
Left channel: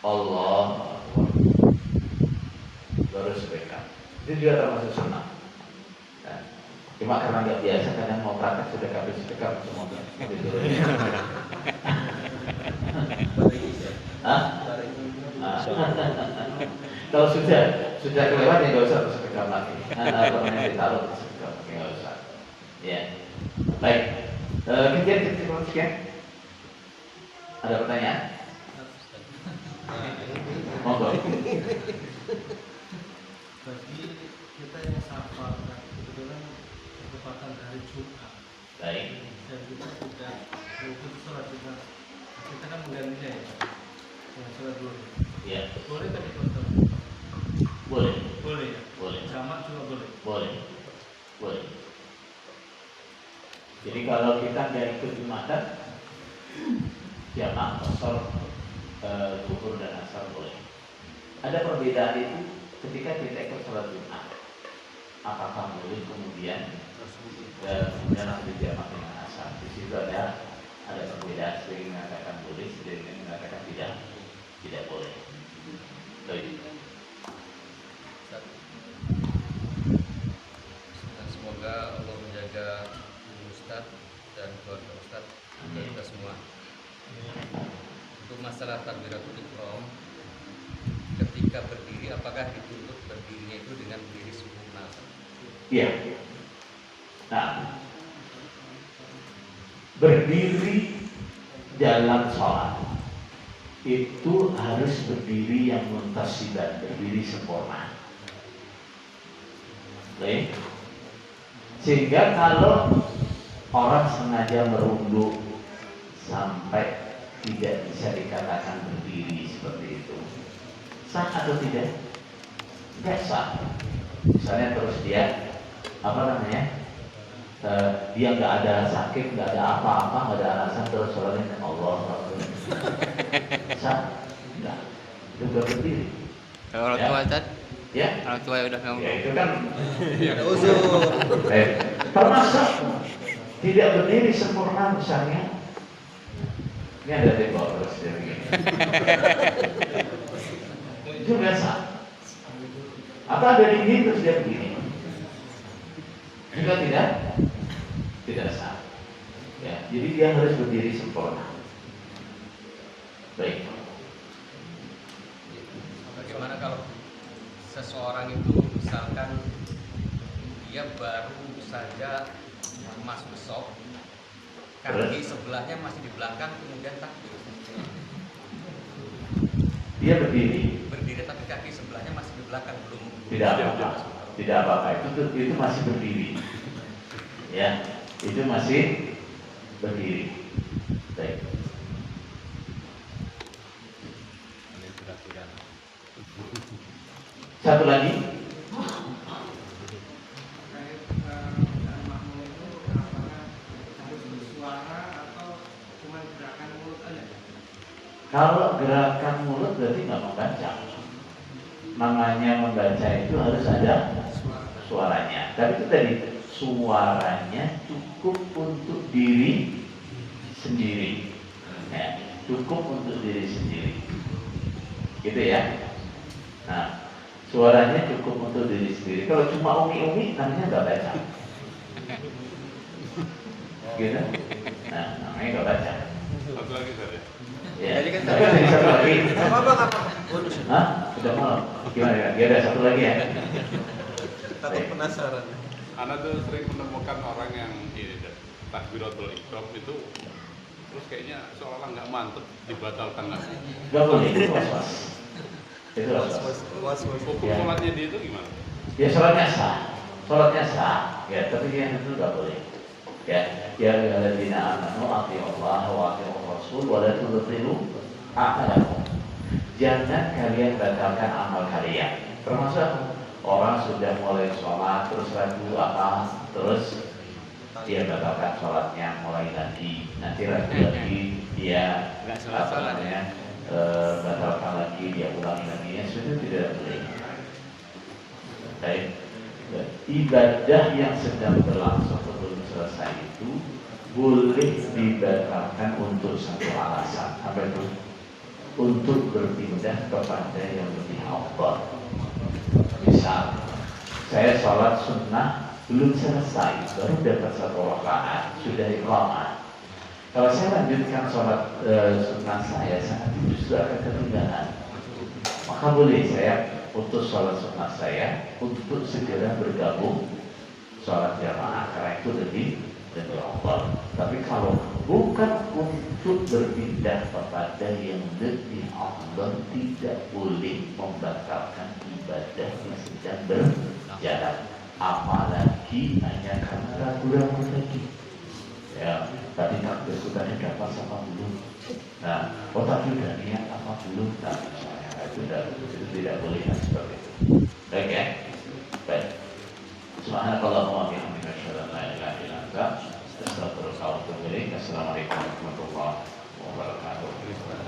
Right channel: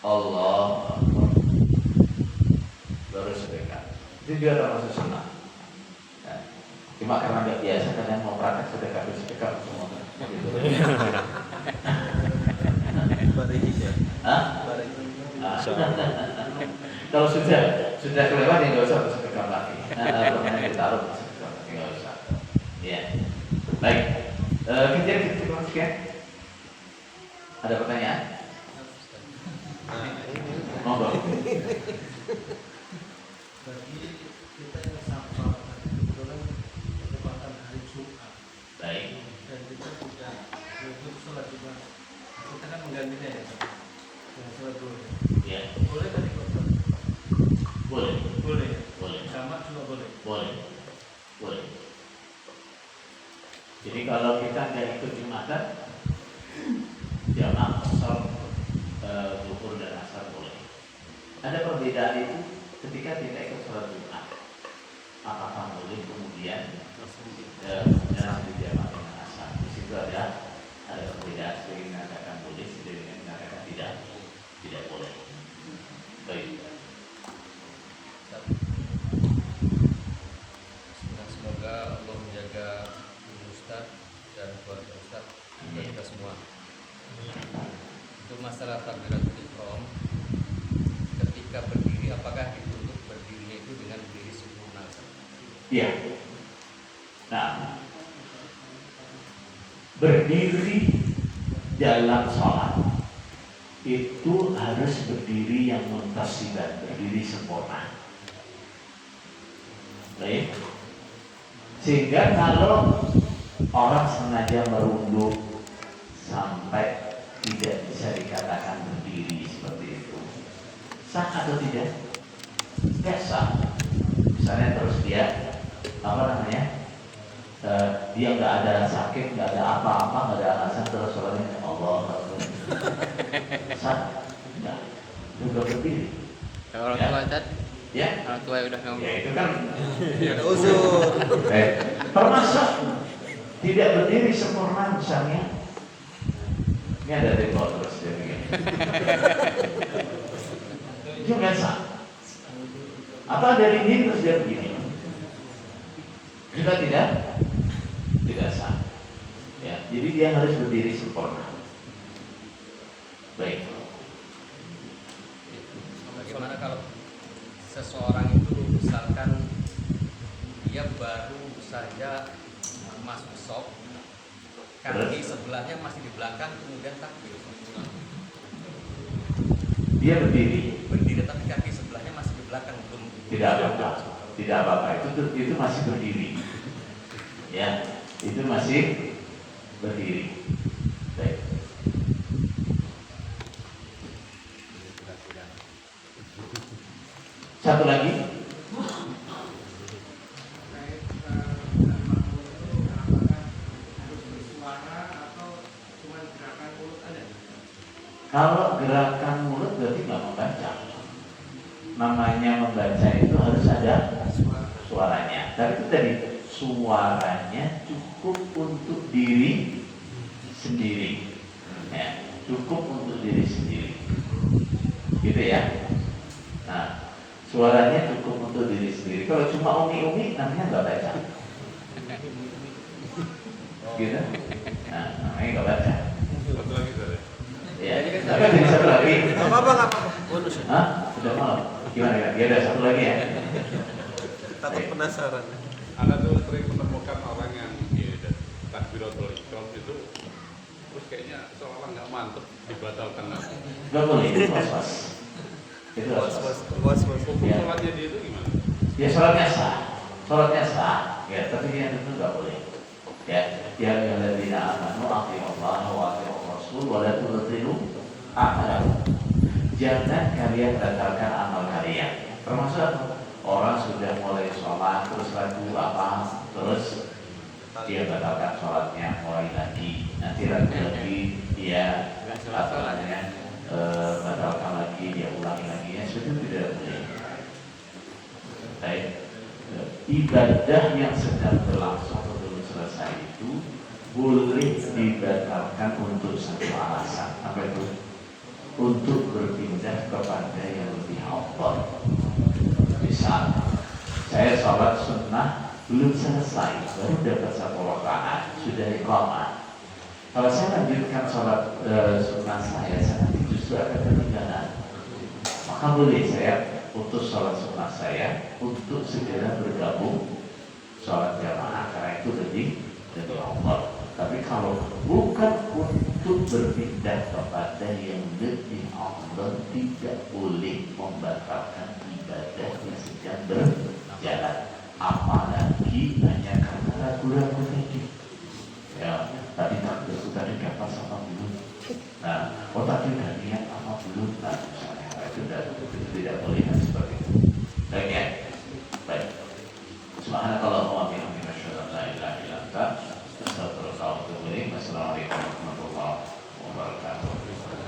Allahu Akbar, baru sedekah. Itu juga termasuk sunnah. Nah, cuma karena nggak biasa kadang mau praktek sedekah itu sedekah semua. Hah? Kalau sudah kelewat ya nggak usah sedekah lagi. Nah, namanya ditaruh sedekah lagi nggak usah. Ya, baik. Kita sekian. Ada pertanyaan? Monggo. Bagi kita yang sahabat kebetulan merupakan hari Jumat. Baik. Dan kita sudah untuk sholat Jumat. Kita kan menggantinya ya, Pak. Dan sholat dulu. Ya. Boleh tadi Pak? Boleh. Boleh ya. Boleh. Jamak juga boleh. Boleh. Boleh. Jadi kalau kita nggak ikut Jumatan, jamaah qasar zuhur dan asar boleh. Ada perbedaan itu ketika kita ikut sholat Jumat. Apakah boleh kemudian nanti jamaah dengan asar? Di situ ada perbedaan. Sebagian mengatakan boleh, sebagian mengatakan tidak boleh. Baik. Dan semoga Allah menjaga Ustaz dan keluarga Ustaz dan kita semua. Untuk masalah takbiratul ihram, ketika berdiri, apakah dituntut berdirinya itu dengan berdiri sempurna? Iya. Nah, berdiri dalam sholat itu harus berdiri yang muntasiban, berdiri sempurna. Baik. Sehingga kalau orang sengaja merunduk sampai tidak bisa dikatakan berdiri seperti itu, sah atau tidak? Tidak sah. Misalnya terus dia dia nggak ada sakit, nggak ada apa-apa, nggak ada alasan, terus sholatnya Allah sah? Enggak. Itu nggak berdiri. Kalau orang tua Ustaz? Ya? Orang tua udah ngomong. Ya itu kan termasuk tidak berdiri sempurna misalnya. Ini ada tembok terus dia begini. Itu nggak sah. Atau ada dinding terus dia begini. Juga tidak sah. Ya, jadi dia harus berdiri sempurna. Baik. Bagaimana kalau seseorang itu misalkan dia baru saja masuk shop, kaki sebelahnya masih di belakang, kemudian takbir. Dia berdiri tapi kaki sebelahnya masih di belakang, belum. tidak apa-apa, itu masih berdiri. Ya, itu masih berdiri. Baik. Satu lagi. Kalau gerakan mulut berarti nggak membaca. Namanya membaca itu harus ada suaranya. Tapi itu tadi suaranya cukup untuk diri sendiri. Ya, cukup untuk diri sendiri. Gitu ya. Nah, suaranya cukup untuk diri sendiri. Kalau cuma umi-umi namanya nggak baca. Gitu. Nah, namanya nggak baca. Satu lagi saya. Ya, tapi ada satu lagi. Apa? Hah? Sudah malam. Gimana? Ya ada satu lagi ya. Takut penasaran. Anak tuh sering menemukan orang yang takbiratul ihram itu terus kayaknya seolah nggak mantep, dibatalkan lagi. Gak boleh, itu was-was. Itu was-was. Hukum Ya. sholatnya dia itu gimana? Ya sholatnya sah. Ya, tapi yang itu nggak boleh. Ya, alladzina amanu athi'ullaha wa athi'ur rasul wa la tubtilu a'malakum. Jangan kalian batalkan amal kalian. Termasuk orang sudah mulai sholat terus ragu apa, terus dia batalkan sholatnya, mulai lagi, nanti lagi dia apa namanya batalkan lagi, dia ulangi lagi, ya sudah tidak boleh. Baik, ibadah yang sedang berlangsung belum selesai itu boleh dibatalkan untuk satu alasan, apa itu? Untuk berpindah kepada yang lebih afdal. Misal, saya sholat sunnah belum selesai, baru dapat satu rakaat, sudah iqamah. Kalau saya lanjutkan sholat sunnah saya nanti justru akan ketinggalan. Maka boleh saya putus sholat sunnah saya untuk segera bergabung sholat jamaah, karena itu lebih afdal. Tapi kalau bukan untuk berpindah kepada yang lebih afdal, tidak boleh membatalkan ibadah yang sedang berjalan, apalagi hanya karena ragu-ragu tadi. Ya, tadi takbir tadi dapat sama belum? Nah, tadi udah niat apa belum? Nah, misalnya itu tidak boleh seperti itu. Baik ya, baik. Subhanakallahumma wa bihamdika asyhadu an la ilaha illa anta astaghfiruka wa atubu ilaik. Wassalamualaikum warahmatullahi wabarakatuh.